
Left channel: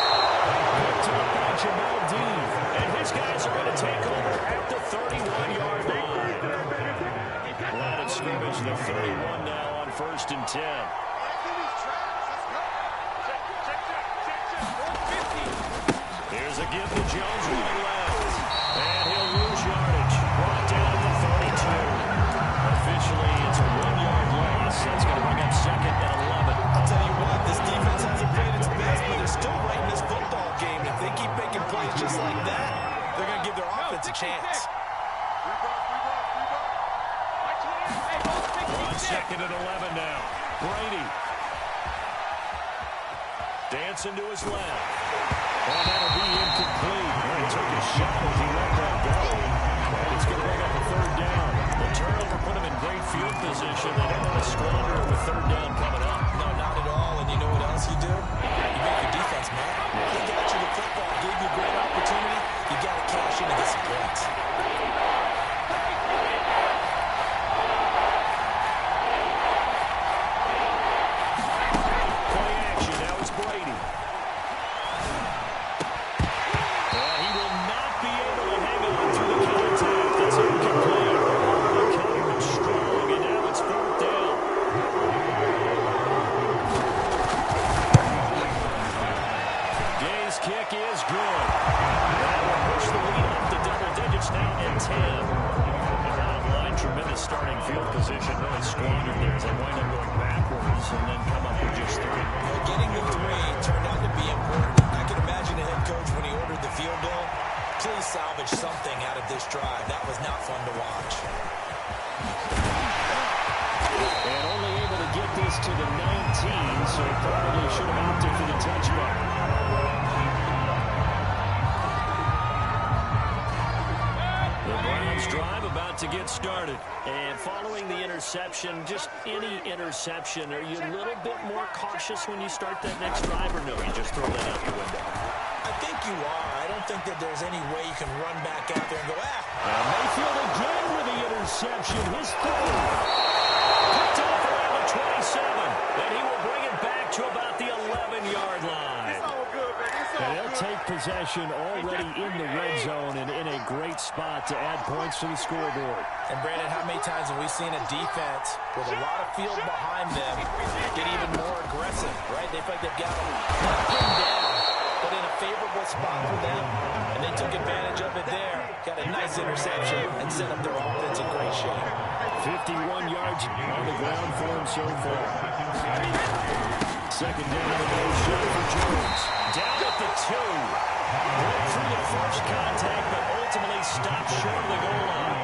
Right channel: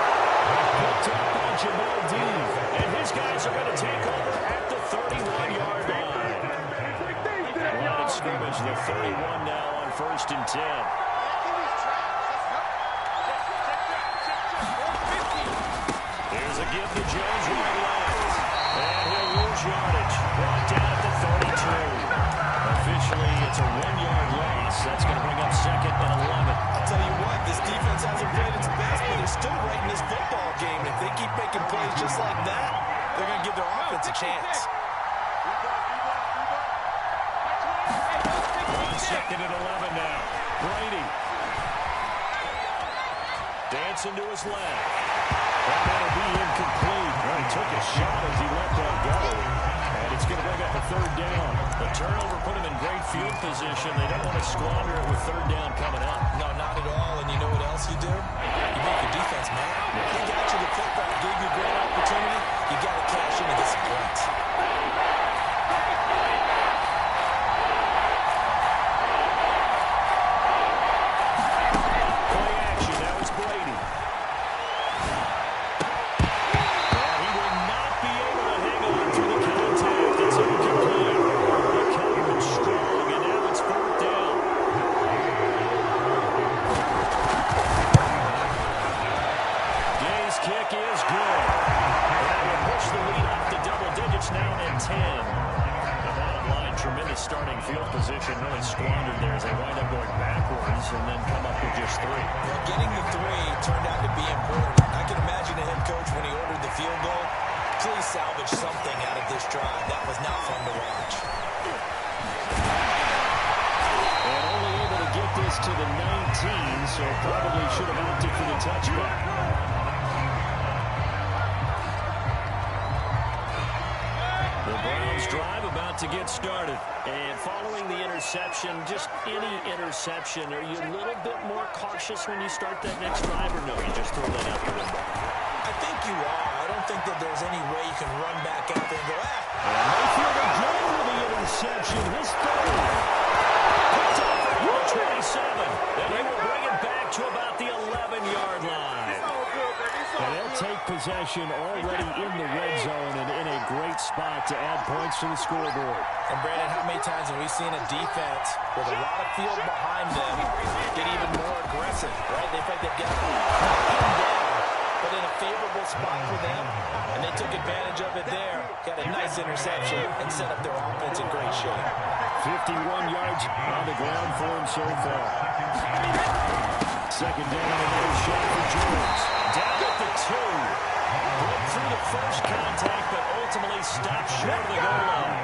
Picked up by Jamal Dean. And his guys are going to take over at the 31-yard line. Line of scrimmage, the 31 now on 1st and 10. Here's a give to Jones right left. And he'll lose yardage. Brought down at the 32. Officially, it's a 1-yard loss. That's going to bring up 2nd and 11. I'll tell you what, this defense hasn't played its best, but they're still right in this football game. If they keep making plays just like that, they're going to give their offense a chance. On 2nd and 11 now. Brady. Dancing to his left. Oh, that'll be incomplete. Well, he took a shot as he let that go. And it's going to bring up a 3rd down. The turnover put him in great field position. They don't want to squander it with 3rd down coming up. No, not at all. And you know what else you do? You make your defense mad. They got you the football, gave you a great opportunity. You got to cash in and get some points. Play action. Now it's Brady. And he will not be able to hang on through the contact. It's incomplete. The coverage strong, and now it's 4th down. starting field position really squandered there as they wind up going backwards and then come up with just 3. Well, getting the 3 turned out to be important. I can imagine the head coach when he ordered the field goal. Please salvage something out of this drive. That was not fun to watch. And only able to get this to the 19, so probably should have opted for the touchback. The Browns drive about to get started. And following the interception, just any interception, are you a little bit more cautious when you start that next drive, or no, you just throw that out the window? I think you are. I don't think that there's any way you can run back out there and go, And Mayfield again with the interception, his third. Picked up around the 27. Then he will bring it back to about the 11-yard line. It's all good, baby. It's all And they'll good. take possession already in the red zone and in a great spot to add points to the scoreboard. And Brandon, how many times have we seen a defense with a lot of field behind them get even more aggressive, right? They feel like they've got them not pinned down, but in a favorable spot for them, and they took advantage of it there. Got a nice interception and set up their offense in great shape. 51 yards on the ground for him so far. Second down and no shot for Jones. Down at the 2. Broke through the first contact, but ultimately stopped short of the goal line.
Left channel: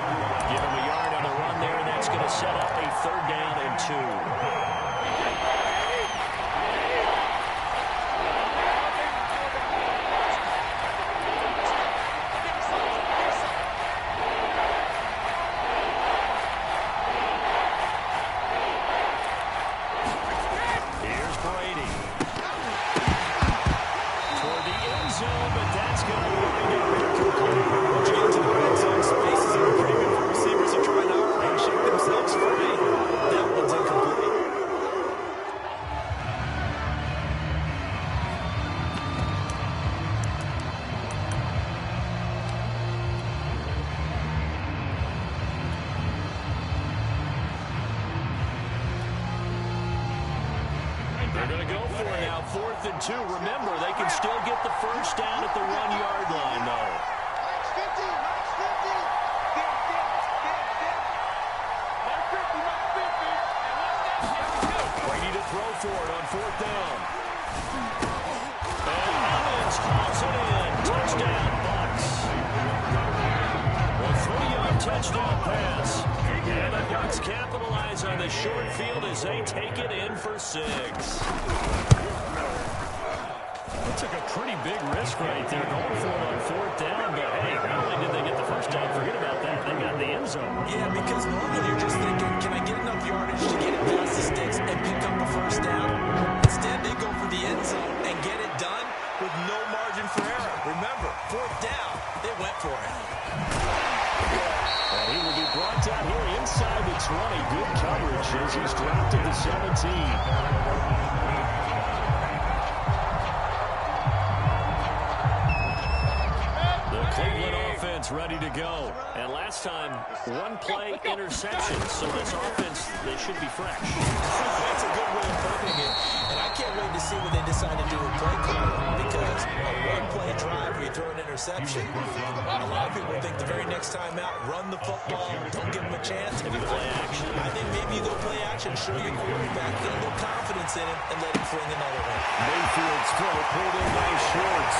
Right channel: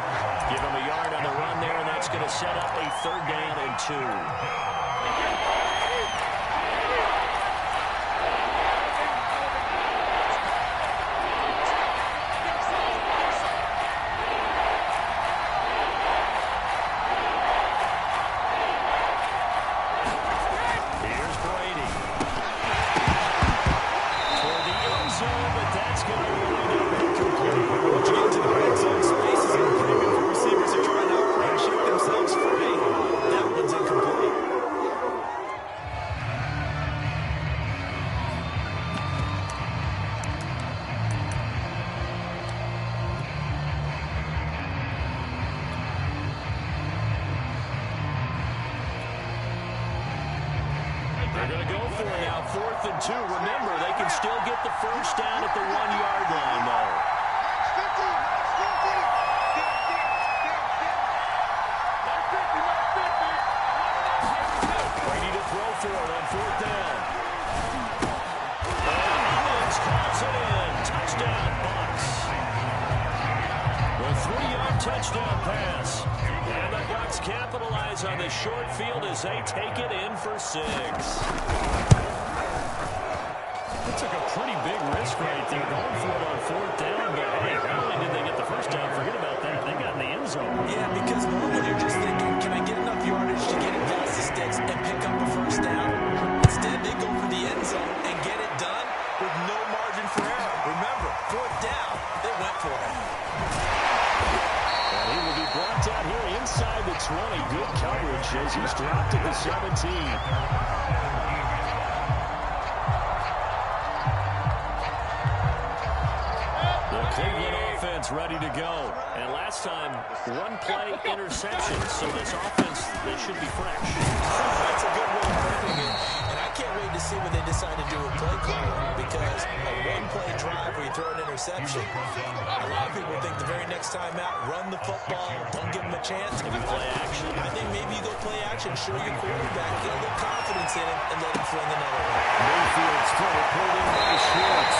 Give him a yard on the run there, and that's going to set up a 3rd down and 2. They're going to go for it now, 4th and 2. Remember, they can still get the first down at the 1-yard line, though. Max 50, Max 50. Max 50, Max 50. And what's that? Brady to throw for it on 4th down. And Evans hauls it in. Touchdown, Bucs. A 3-yard touchdown pass. And the Bucs capitalize on the short field as they take it in for 6. They took a pretty big risk right there going for it on 4th down, but hey, not only did they get the first down, forget about that, they got in the end zone. Yeah, because normally you're just thinking, can I get enough yardage to get it past the sticks and pick up a first down? Instead, they go for the end zone and get it done with no margin for error. Remember, 4th down, they went for it. And he will be brought down here inside the 20. Good coverage as he's dropped at the 17. The Cleveland offense ready to go. And last time, 1-play interception. So this offense, they should be fresh. That's a good way of putting it. And I can't wait to see what they decide to do with play calling, because a 1-play drive where you throw an interception, a lot of people think the very next time out, run the football, don't give them a chance. Maybe play action. I think maybe you go play action, show your quarterback, get a little confidence in him, and let him fling another one. Mayfield's throw pulled in by Schwartz.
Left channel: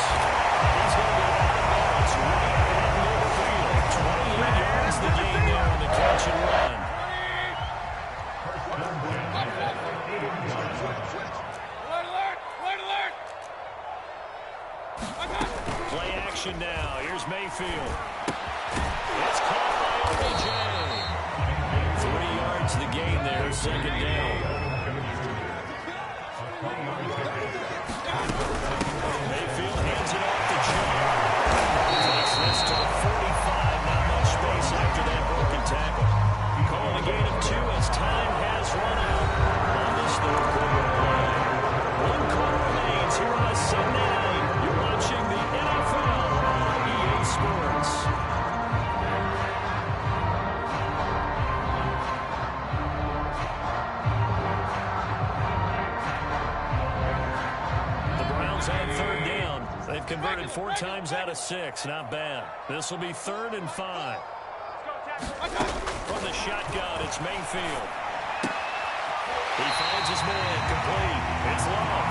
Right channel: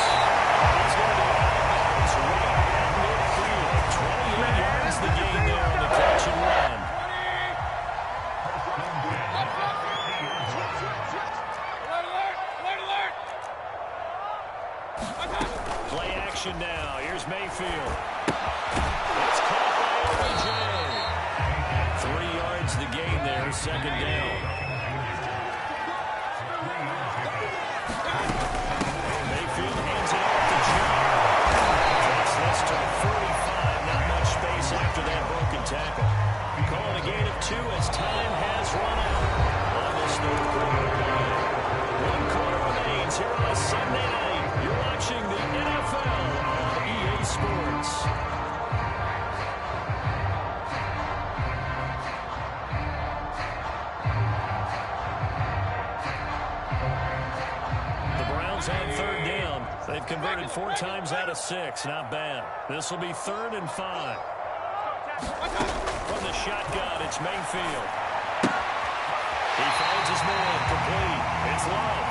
He's going to be out of bounds right at midfield. 28 yards the gain there on the catch and run. Play action now. Here's Mayfield. It's caught by OBJ. 3 yards the gain there, 2nd down. Mayfield hands it off to John. Takes this to the 45. Not much space after that broken tackle. Calling a gain of 2 as time has run out on this 3rd quarter play. 1 quarter remains here on a Sunday night. You're watching the NFL on EA Sports. The Browns on 3rd down. They've converted 4 times out of 6. Not bad. This will be 3rd and 5. From the shotgun, it's Mayfield. He finds his man, complete. It's Love.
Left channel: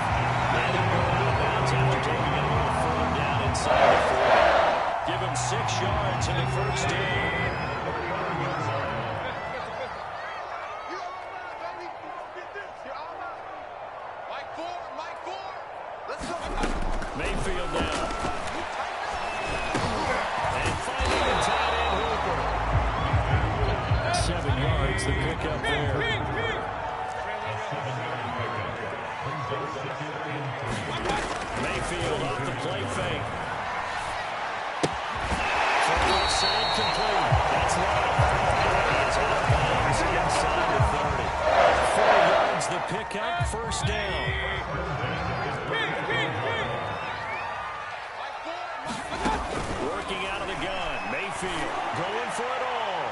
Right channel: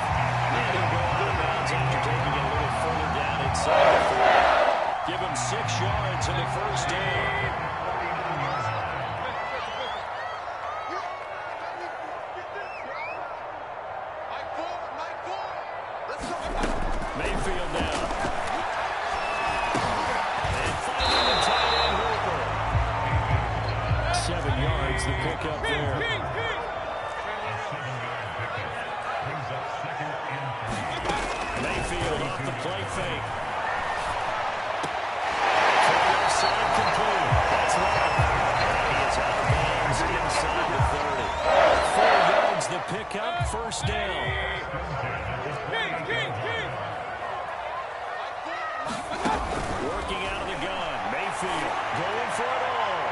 And he'll go out of bounds after taking it a little further down inside the 40. Give him 6 yards in the first down. Mayfield now. And finding the tight end Hooper. 7 yards, the pickup there. Mayfield off the play fake. From left side, complete. That's Love. He is out of bounds inside the 30. 4 yards, the pickup, first down. Working out of the gun. Mayfield going for it all.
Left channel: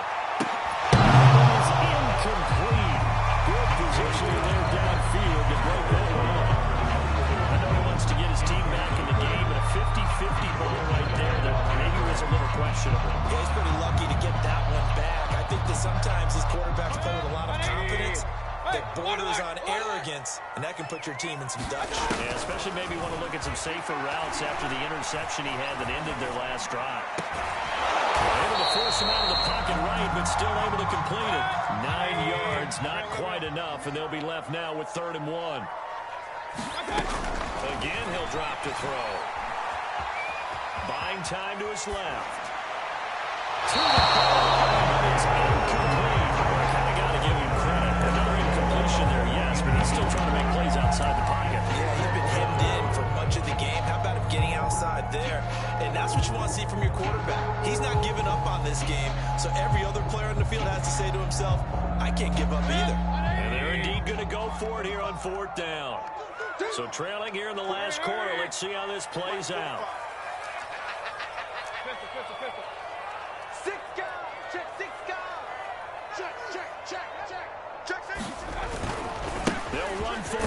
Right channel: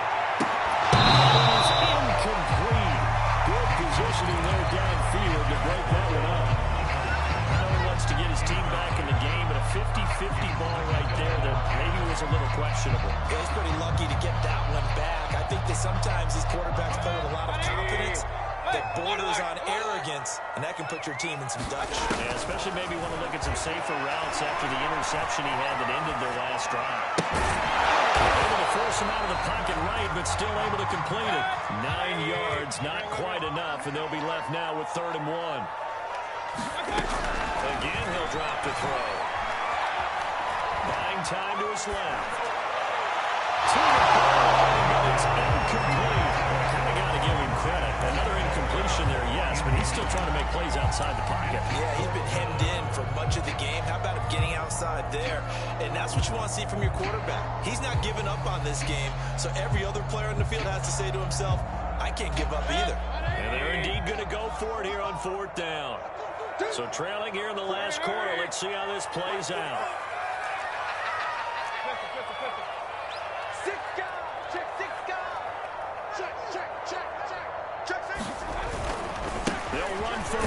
It is incomplete. Good positioning there downfield to break that one up. I know he wants to get his team back in the game, but a 50-50 ball right there that maybe was a little questionable. Yeah, he's pretty lucky to get that one back. I think that sometimes these quarterbacks play with a lot of confidence that borders on arrogance, and that can put your team in some Dutch. Yeah, especially maybe want to look at some safer routes after the interception he had that ended their last drive. Able to force him out of the pocket right, but still able to complete it. 9 yards, not quite enough, and they'll be left now with 3rd and 1. Again, he'll drop to throw. Buying time to his left. To the goal line, but it's incomplete. Well, I kind of got to give him credit. Another incompletion there, yes, but he's still trying to make plays outside the pocket. Yeah, he's been hemmed in for much of the game. How about him getting outside there? And that's what you want to see from your quarterback. He's not giving up on this game, so every other player in the field has to say to himself, I can't give up either. And they're indeed going to go for it here on 4th down. So trailing here in the last quarter, let's see how this plays out. 6 guys, check 6 guys. Check. They'll run for it.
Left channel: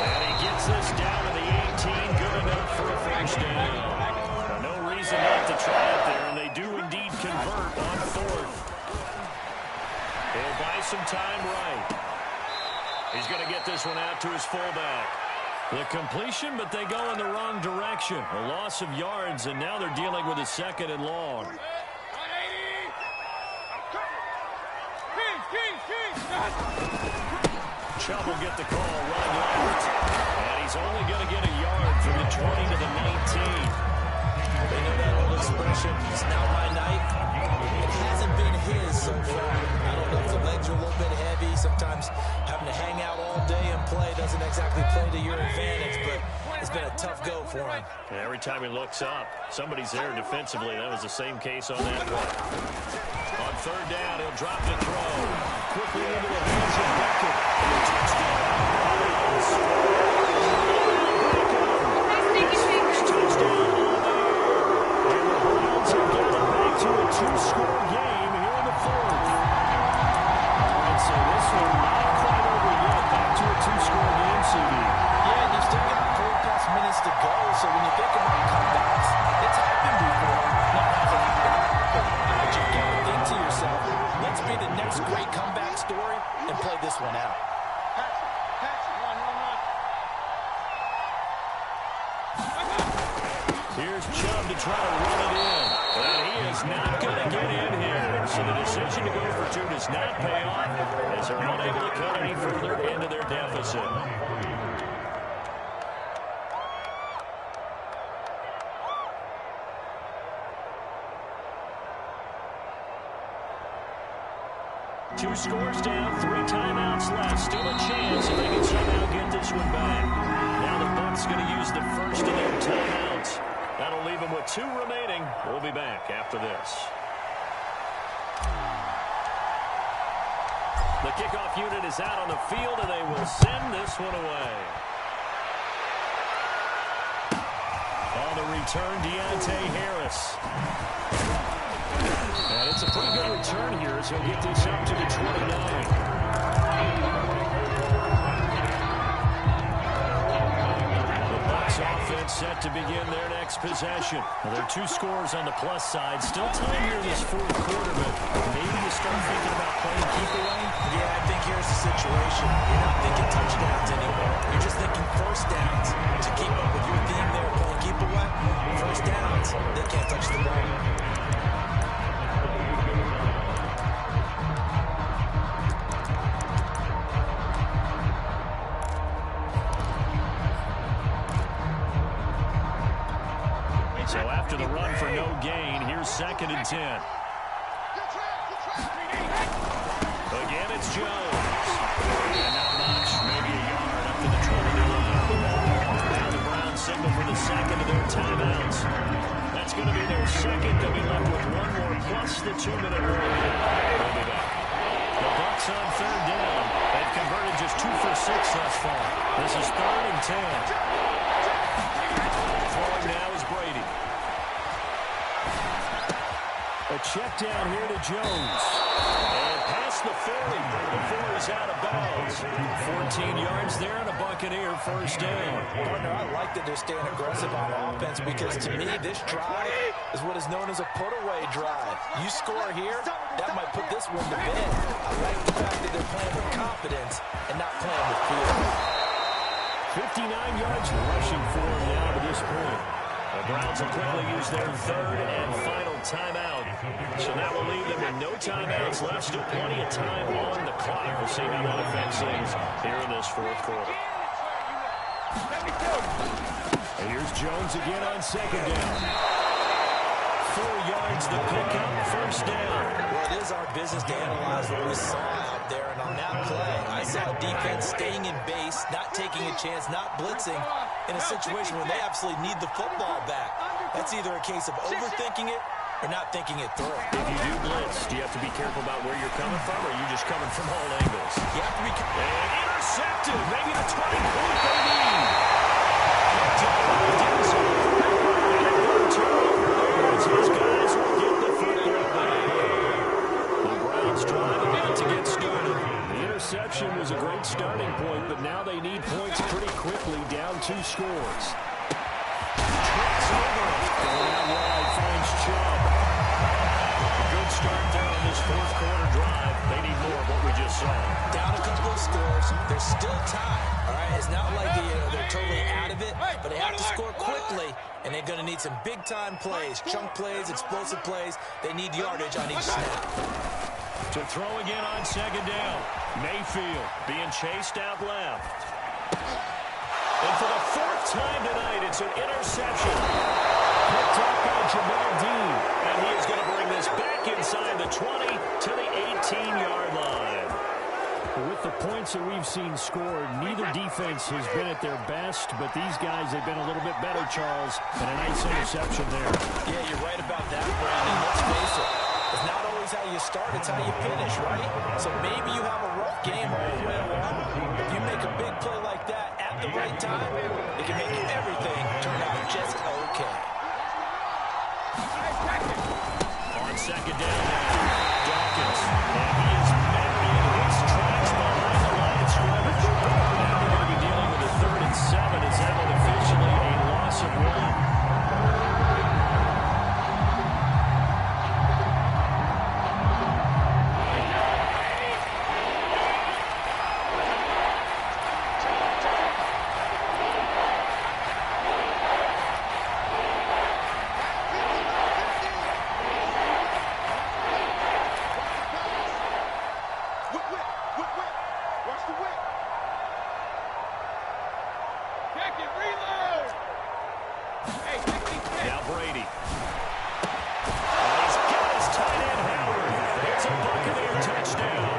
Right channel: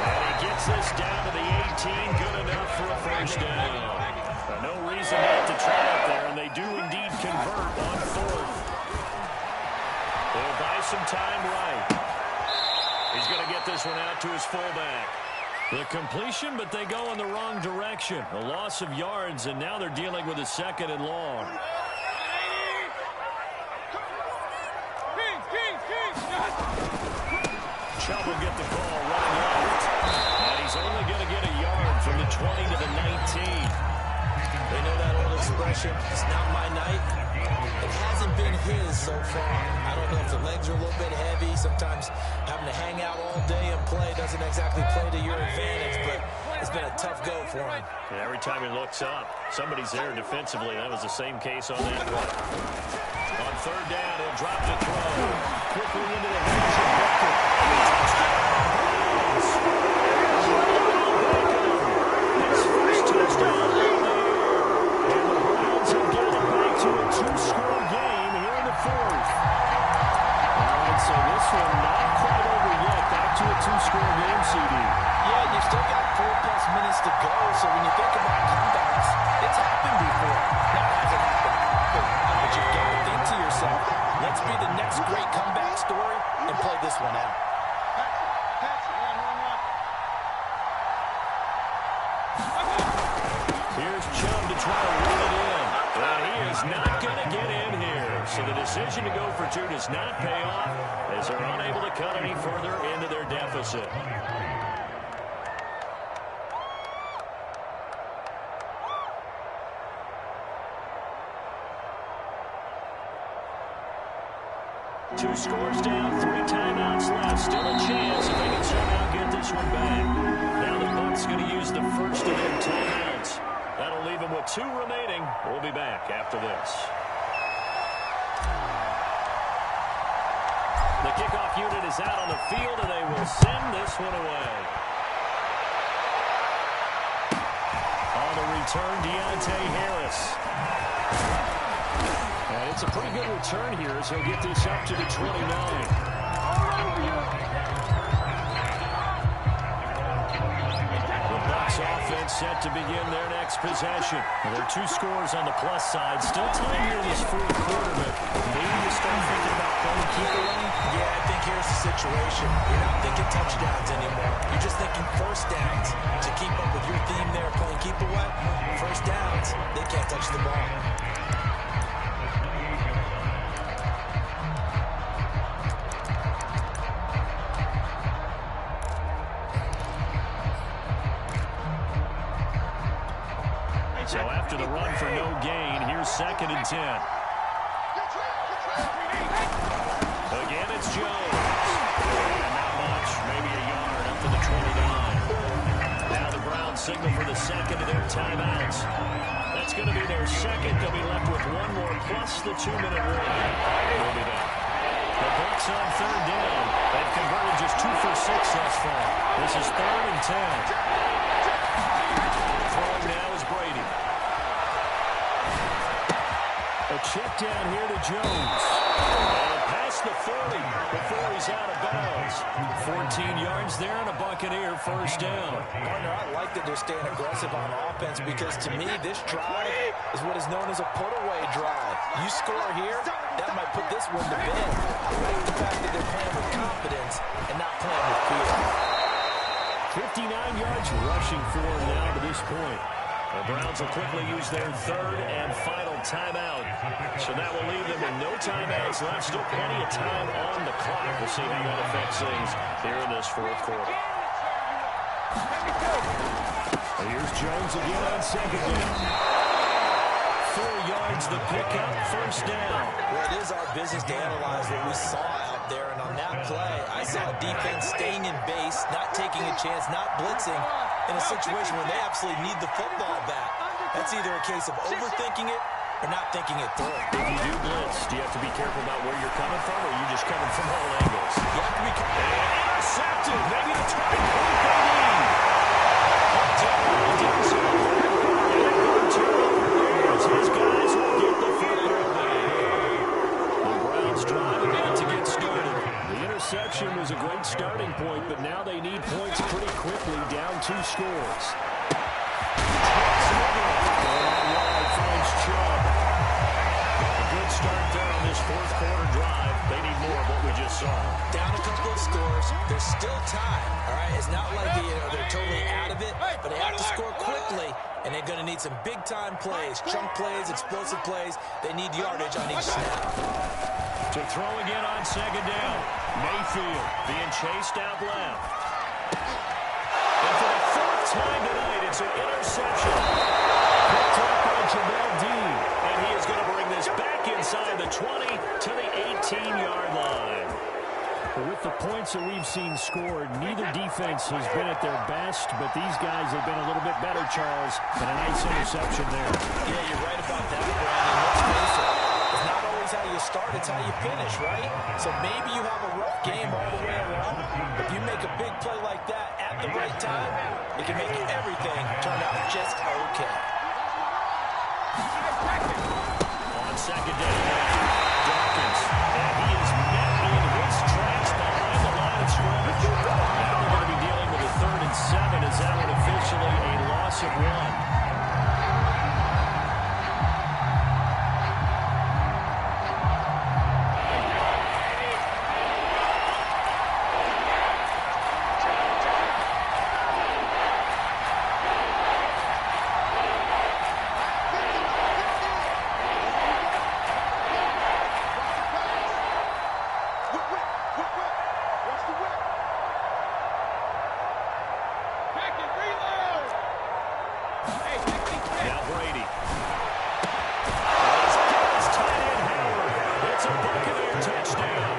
And he gets this down to the 18. Good enough for a first down. No reason not to try it there, and they do indeed convert on 4th. They'll buy some time right. He's going to get this one out to his fullback. The completion, but they go in the wrong direction. A loss of yards, and now they're dealing with a 2nd and long. Chubb will get the call, run left. And he's only going to get a yard from the 20 to the 19. They know that old expression, it's not my night. It hasn't been his so far. I don't know if the legs are a little bit heavy. Sometimes having to hang out all day and play doesn't exactly play to your advantage, but it's been a tough go for him. And every time he looks up, somebody's there defensively. That was the same case on that play. On 3rd down, he'll drop to throw. Quickly into the hands of Beckett. And the touchdown, Browns. His first touchdown of the year. And the Browns have gotten back to a 2-score game here in the 4th. All right, so this one not quite over yet. Back to a 2-score game, CD. Yeah, and you've still got 4+ minutes to go, so when you think about comebacks, it's happened before. Now, it hasn't happened often, but you've got to think to yourself, let's be the next great comeback story and play this one out. Here's Chubb to try to run it in. And he is not going to get in here. So the decision to go for 2 does not pay off as they're unable to cut any further into their deficit. Two scores down, 3 timeouts left. Still a chance if they can somehow get this one back. Now the Bucs going to use the first of their timeouts. That'll leave them with 2 remaining. We'll be back after this. The kickoff unit is out on the field, and they will send this one away. On the return, Deontay Harris. And it's a pretty good return here as he'll get this up to the 29. The Bucs Bucs offense set to begin their next possession. Well, there are 2 scores on the plus side. Still time here in this fourth quarter, but maybe you start thinking about playing keep away? Yeah, I think here's the situation. You're not thinking touchdowns anymore. You're just thinking first downs. To keep up with your theme there, playing keep away, first downs, they can't touch the ball. So after the run for no gain, here's 2nd and 10. Again, it's Jones. And not much, maybe a yard up to the 29. Now the Browns signal for the second of their timeouts. That's going to be their second. They'll be left with 1 more plus the 2-minute warning. We'll be back. The Bucs on 3rd down. They've converted just 2 for 6 thus far. This is 3rd and 10. Throwing now is Brady. A check down here to Jones. And past the 40 before he's out of bounds. 14 yards there and a Buccaneer first down. Partner, I like that they're staying aggressive on offense because to me, this drive is what is known as a put-away drive. You score here, that might put this one to bed. I like the fact that they're playing with confidence and not playing with fear. 59 yards rushing for him now to this point. The Browns will quickly use their 3rd and final timeout. So that will leave them with no timeouts left. Still plenty of time on the clock. We'll see how that affects things here in this fourth quarter. And here's Jones again on 2nd down. 4 yards the pickup, first down. Well, it is our business to analyze what we saw out there, and on that play, I saw a defense staying in base, not taking a chance, not blitzing, in a situation where they absolutely need the football back. That's either a case of overthinking it or not thinking it through. If you do blitz, do you have to be careful about where you're coming from, or are you just coming from all angles? You have to be careful. And intercepted, maybe the turning point they need. Picked up by Denzel. And a good turnover there as his guys will get the football back. The Browns drive about to get started. The interception was a great starting point, but now they need points pretty quickly, down 2 scores. Trips over it. Going out wide, finds Chubb. A good start there on this fourth quarter drive. They need more of what we just saw. Down a couple of scores. There's still time. All right, it's not like they're totally out of it, but they have to score quickly, and they're going to need some big-time plays, chunk plays, explosive plays. They need yardage on each snap. To throw again on 2nd down. Mayfield being chased out left. And for the 4th time tonight, it's an interception. Picked up by Jamel Dean. And he is going to bring this back inside the 20 to the 18-yard line. With the points that we've seen scored, neither defense has been at their best, but these guys have been a little bit better, Charles, and a nice interception there. Yeah, you're right about that, Brandon. Let's face it. It's not always how you start, it's how you finish, right? So maybe you have a rough game all the way along. If you make a big play like that at the right time, it can make everything turn out just okay. On 2nd down now, Dawkins. And he is met in his tracks behind the line of scrimmage. Now they're going to be dealing with a 3rd and 7 as that one officially a loss of 1. Now Brady. And he's got his tight end, Howard. It's a Buccaneer touchdown.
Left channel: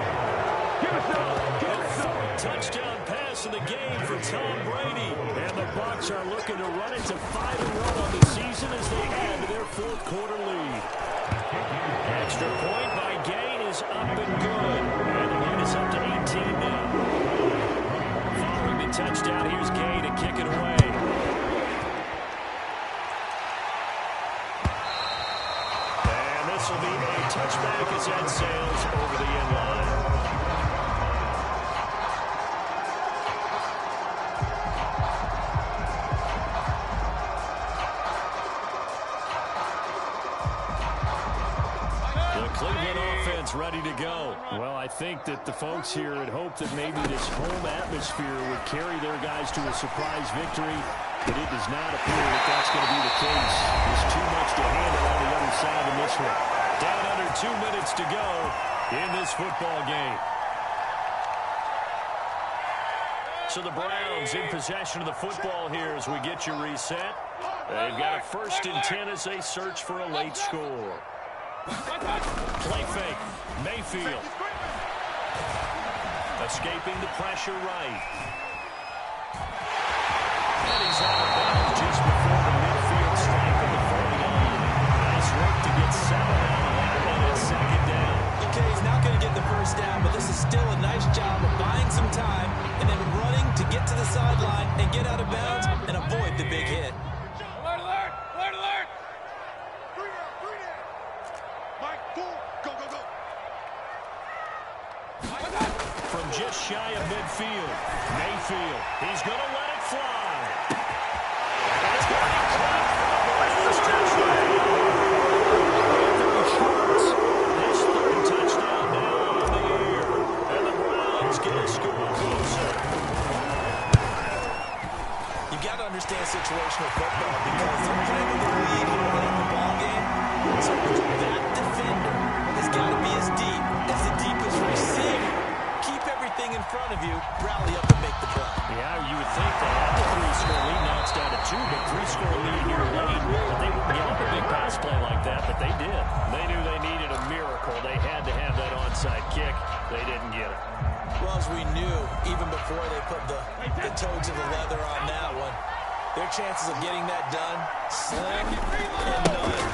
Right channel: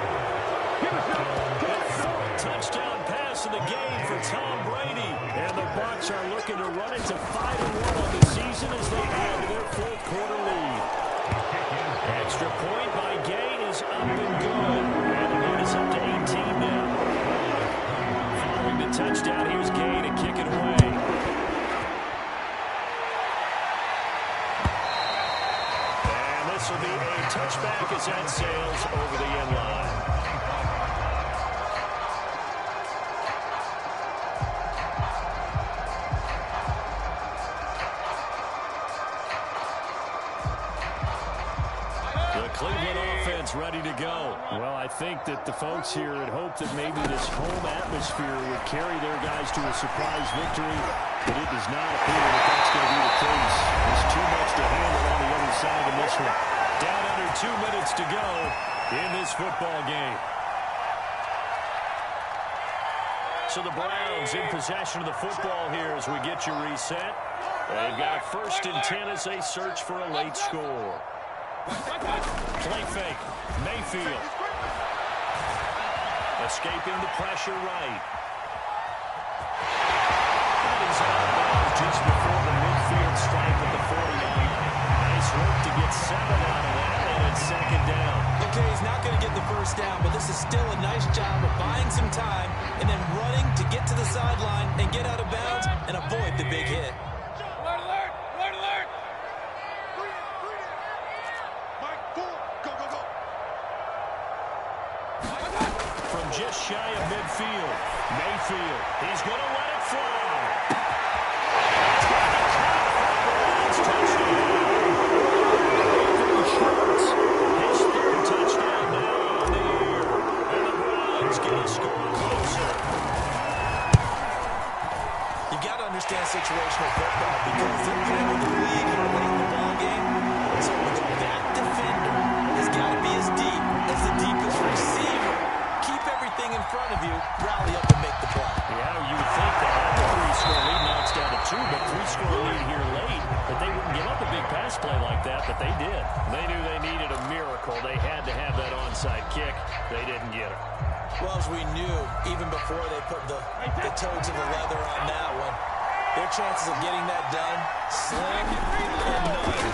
The 4th touchdown pass of the game for Tom Brady. And the Bucs are looking to run it to 5-1 on the season as they add to their 4th quarter lead. Extra point by Gay is up and good. And the lead is up to 18 now. Following the touchdown, here's Gay to kick it away. This will be a touchback as that sails over the end line. Cleveland offense ready to go. Well, I think that the folks here had hoped that maybe this home atmosphere would carry their guys to a surprise victory, but it does not appear that that's going to be the case. There's too much to handle on the other side in this one. Down under 2 minutes to go in this football game. So the Browns in possession of the football here as we get you reset. They've got a 1st and 10 as they search for a late score. Play fake. Mayfield. Escaping the pressure right. And he's out of bounds just before the midfield stripe at the 49. Nice work to get 7 out of that, and it's 2nd down. Okay, he's not going to get the 1st down, but this is still a nice job of buying some time and then running to get to the sideline and get out of bounds and avoid the big hit. Alert, alert! Alert, alert! 3 down. Mike, 4. Go, go, go. From just shy of midfield, Mayfield. He's going to let it fly. And it's going to be caught for a Browns touchdown. Anthony Schwartz, his 3rd touchdown now on the air. And the Browns get a score closer. You've got to understand situational football because they're playing with the lead here late in the ball game. So that defender has got to be as deep as the deepest receiver. Keep everything in front of you, rally up and make the play. Yeah, you would think they had the 3-score lead. Now it's down to 2, but 3-score lead here late. That they wouldn't give up a big pass play like that, but they did. They knew they needed a miracle. They had to have that onside kick. They didn't get it. Well, as we knew, even before they put the toes of the leather on that one, their chances of getting that done, slim and none.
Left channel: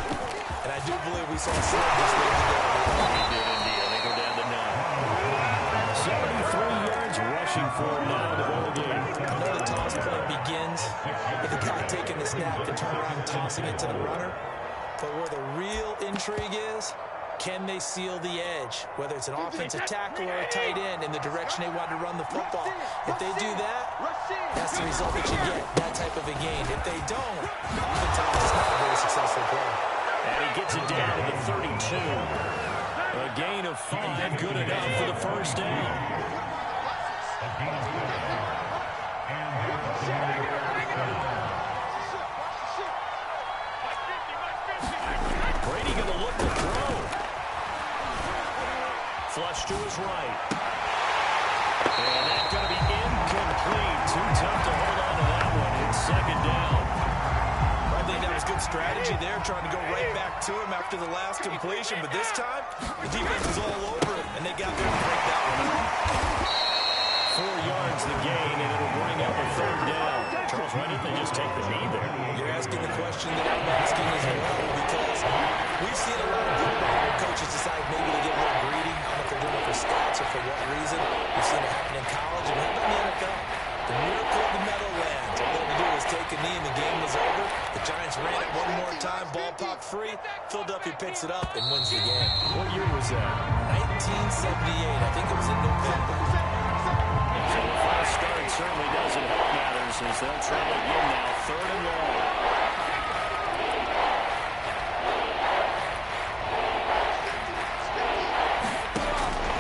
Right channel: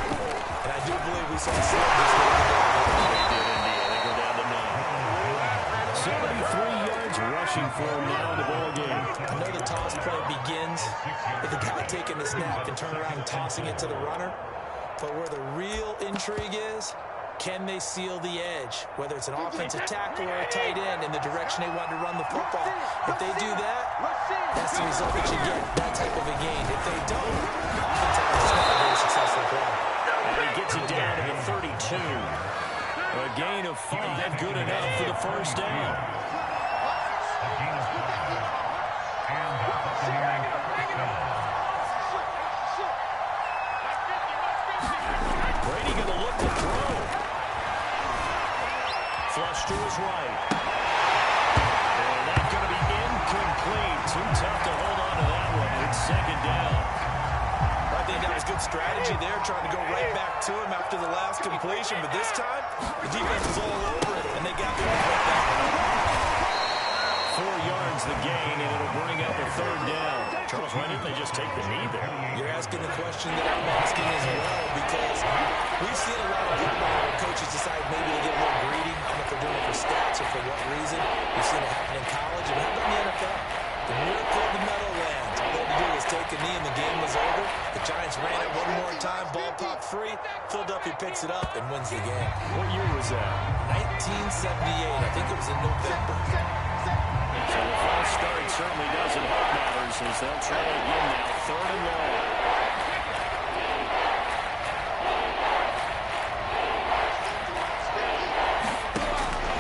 And I do believe we saw slim this week today. We did indeed. I think we're down to none. 73 yards rushing for him now in the ball game. I know the toss play begins with the guy taking the snap and turn around and tossing it to the runner. But where the real intrigue is, can they seal the edge? Whether it's an offensive tackle or a tight end in the direction they want to run the football. If they do that, that's the result that you get, that type of a gain. If they don't, oftentimes it's not a very successful play. And he gets it down to the 32. A gain of 5, good enough for the 1st down. Brady going to look to throw. Flush to his right. And that's going to be incomplete. Too tough to hold on to that one. It's 2nd down. I think that was good strategy there, trying to go right back to him after the last completion. But this time, the defense was all over it, and they got there to break that one up. 4 yards the gain, and it'll bring up a 3rd down. Charles, why didn't they just take the knee there? You're asking the question that I'm asking as well, because we've seen a lot of football where coaches decide maybe to get a little greedy. I don't know if they're doing it for stats or for what reason. We've seen it happen in college, and how about in the NFL? The miracle of the Meadowlands. All they had to do was take a knee and the game was over. The Giants ran it one more time, ball popped free. Philadelphia picks it up and wins the game. What year was that? 1978. I think it was in November. So the false start certainly doesn't help matters as they'll try it again now. 3rd and long.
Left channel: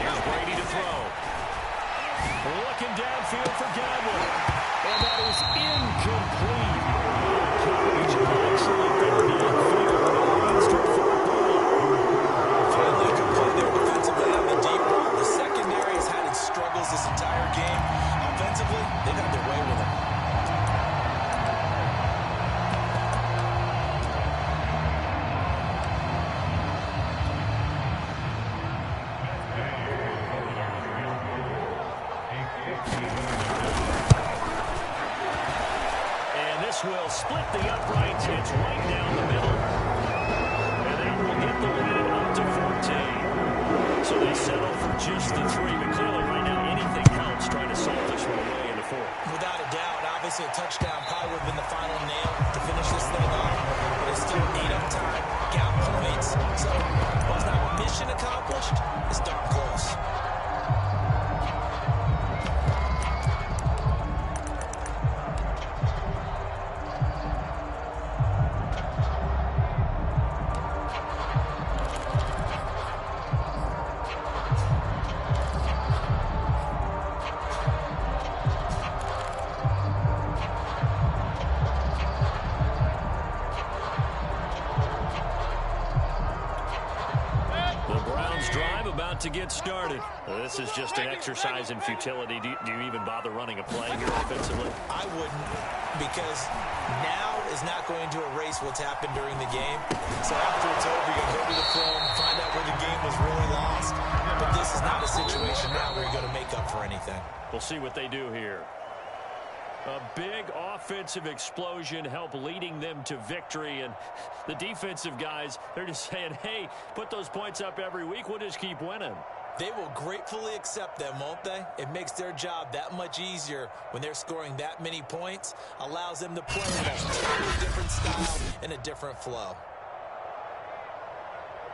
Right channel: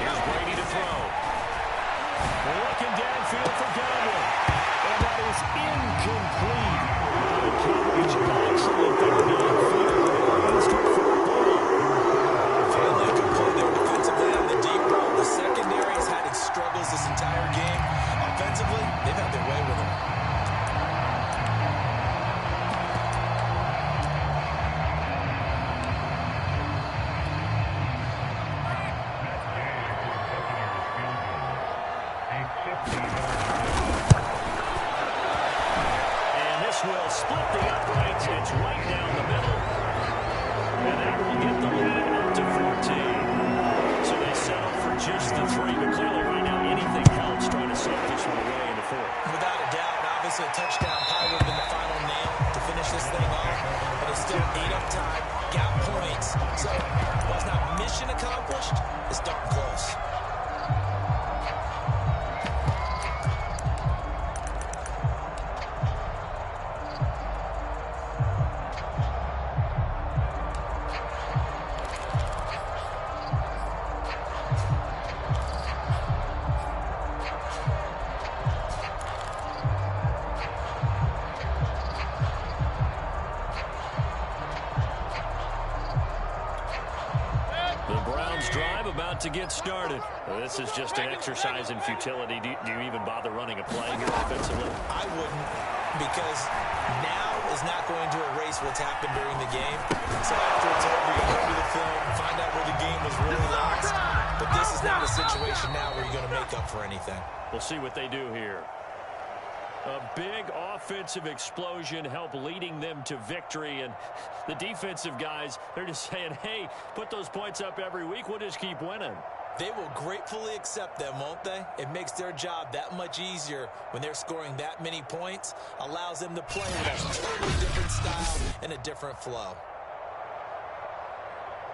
Here's Brady to throw. Looking downfield for Godwin. And that is incomplete. The coverage excellent there downfield. Leads to 4th down. Finally a good play there defensively on the deep ball. The secondary has had its struggles this entire game. Offensively, they've had their way with him. And this will split the uprights. It's right down the middle. And that will get the lead up to 14. So they settle for just the 3. But clearly right now anything helps trying to salt this one away into 4. Without a doubt, obviously a touchdown probably would have been the final nail to finish this thing off. But it's still 8 up time, got points. So while it's not mission accomplished, it's darn close. Bucs drive about to get started. This is just an exercise in futility. Do you even bother running a play here offensively? I wouldn't, because now is not going to erase what's happened during the game. So after it's over, you go to the film, find out where the game was really lost. But this is not a situation now where you're going to make up for anything. We'll see what they do here. A big offensive explosion helped leading them to victory. And the defensive guys, they're just saying, hey, put those points up every week. We'll just keep winning. They will gratefully accept them, won't they? It makes their job that much easier when they're scoring that many points. Allows them to play with a totally different style and a different flow.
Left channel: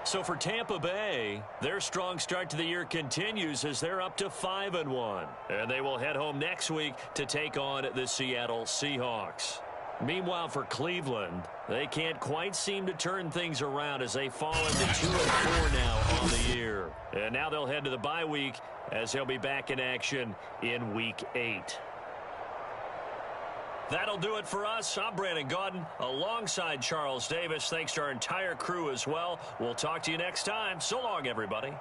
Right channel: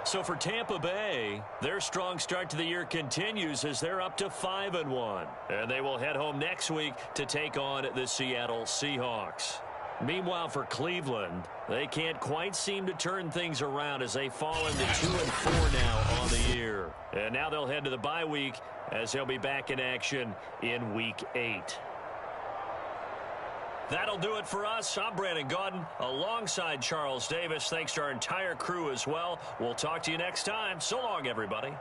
So for Tampa Bay, their strong start to the year continues as they're up to 5-1. And they will head home next week to take on the Seattle Seahawks. Meanwhile, for Cleveland, they can't quite seem to turn things around as they fall into 2-4 now on the year. And now they'll head to the bye week as they'll be back in action in Week 8. That'll do it for us. I'm Brandon Gaudin alongside Charles Davis. Thanks to our entire crew as well. We'll talk to you next time. So long, everybody.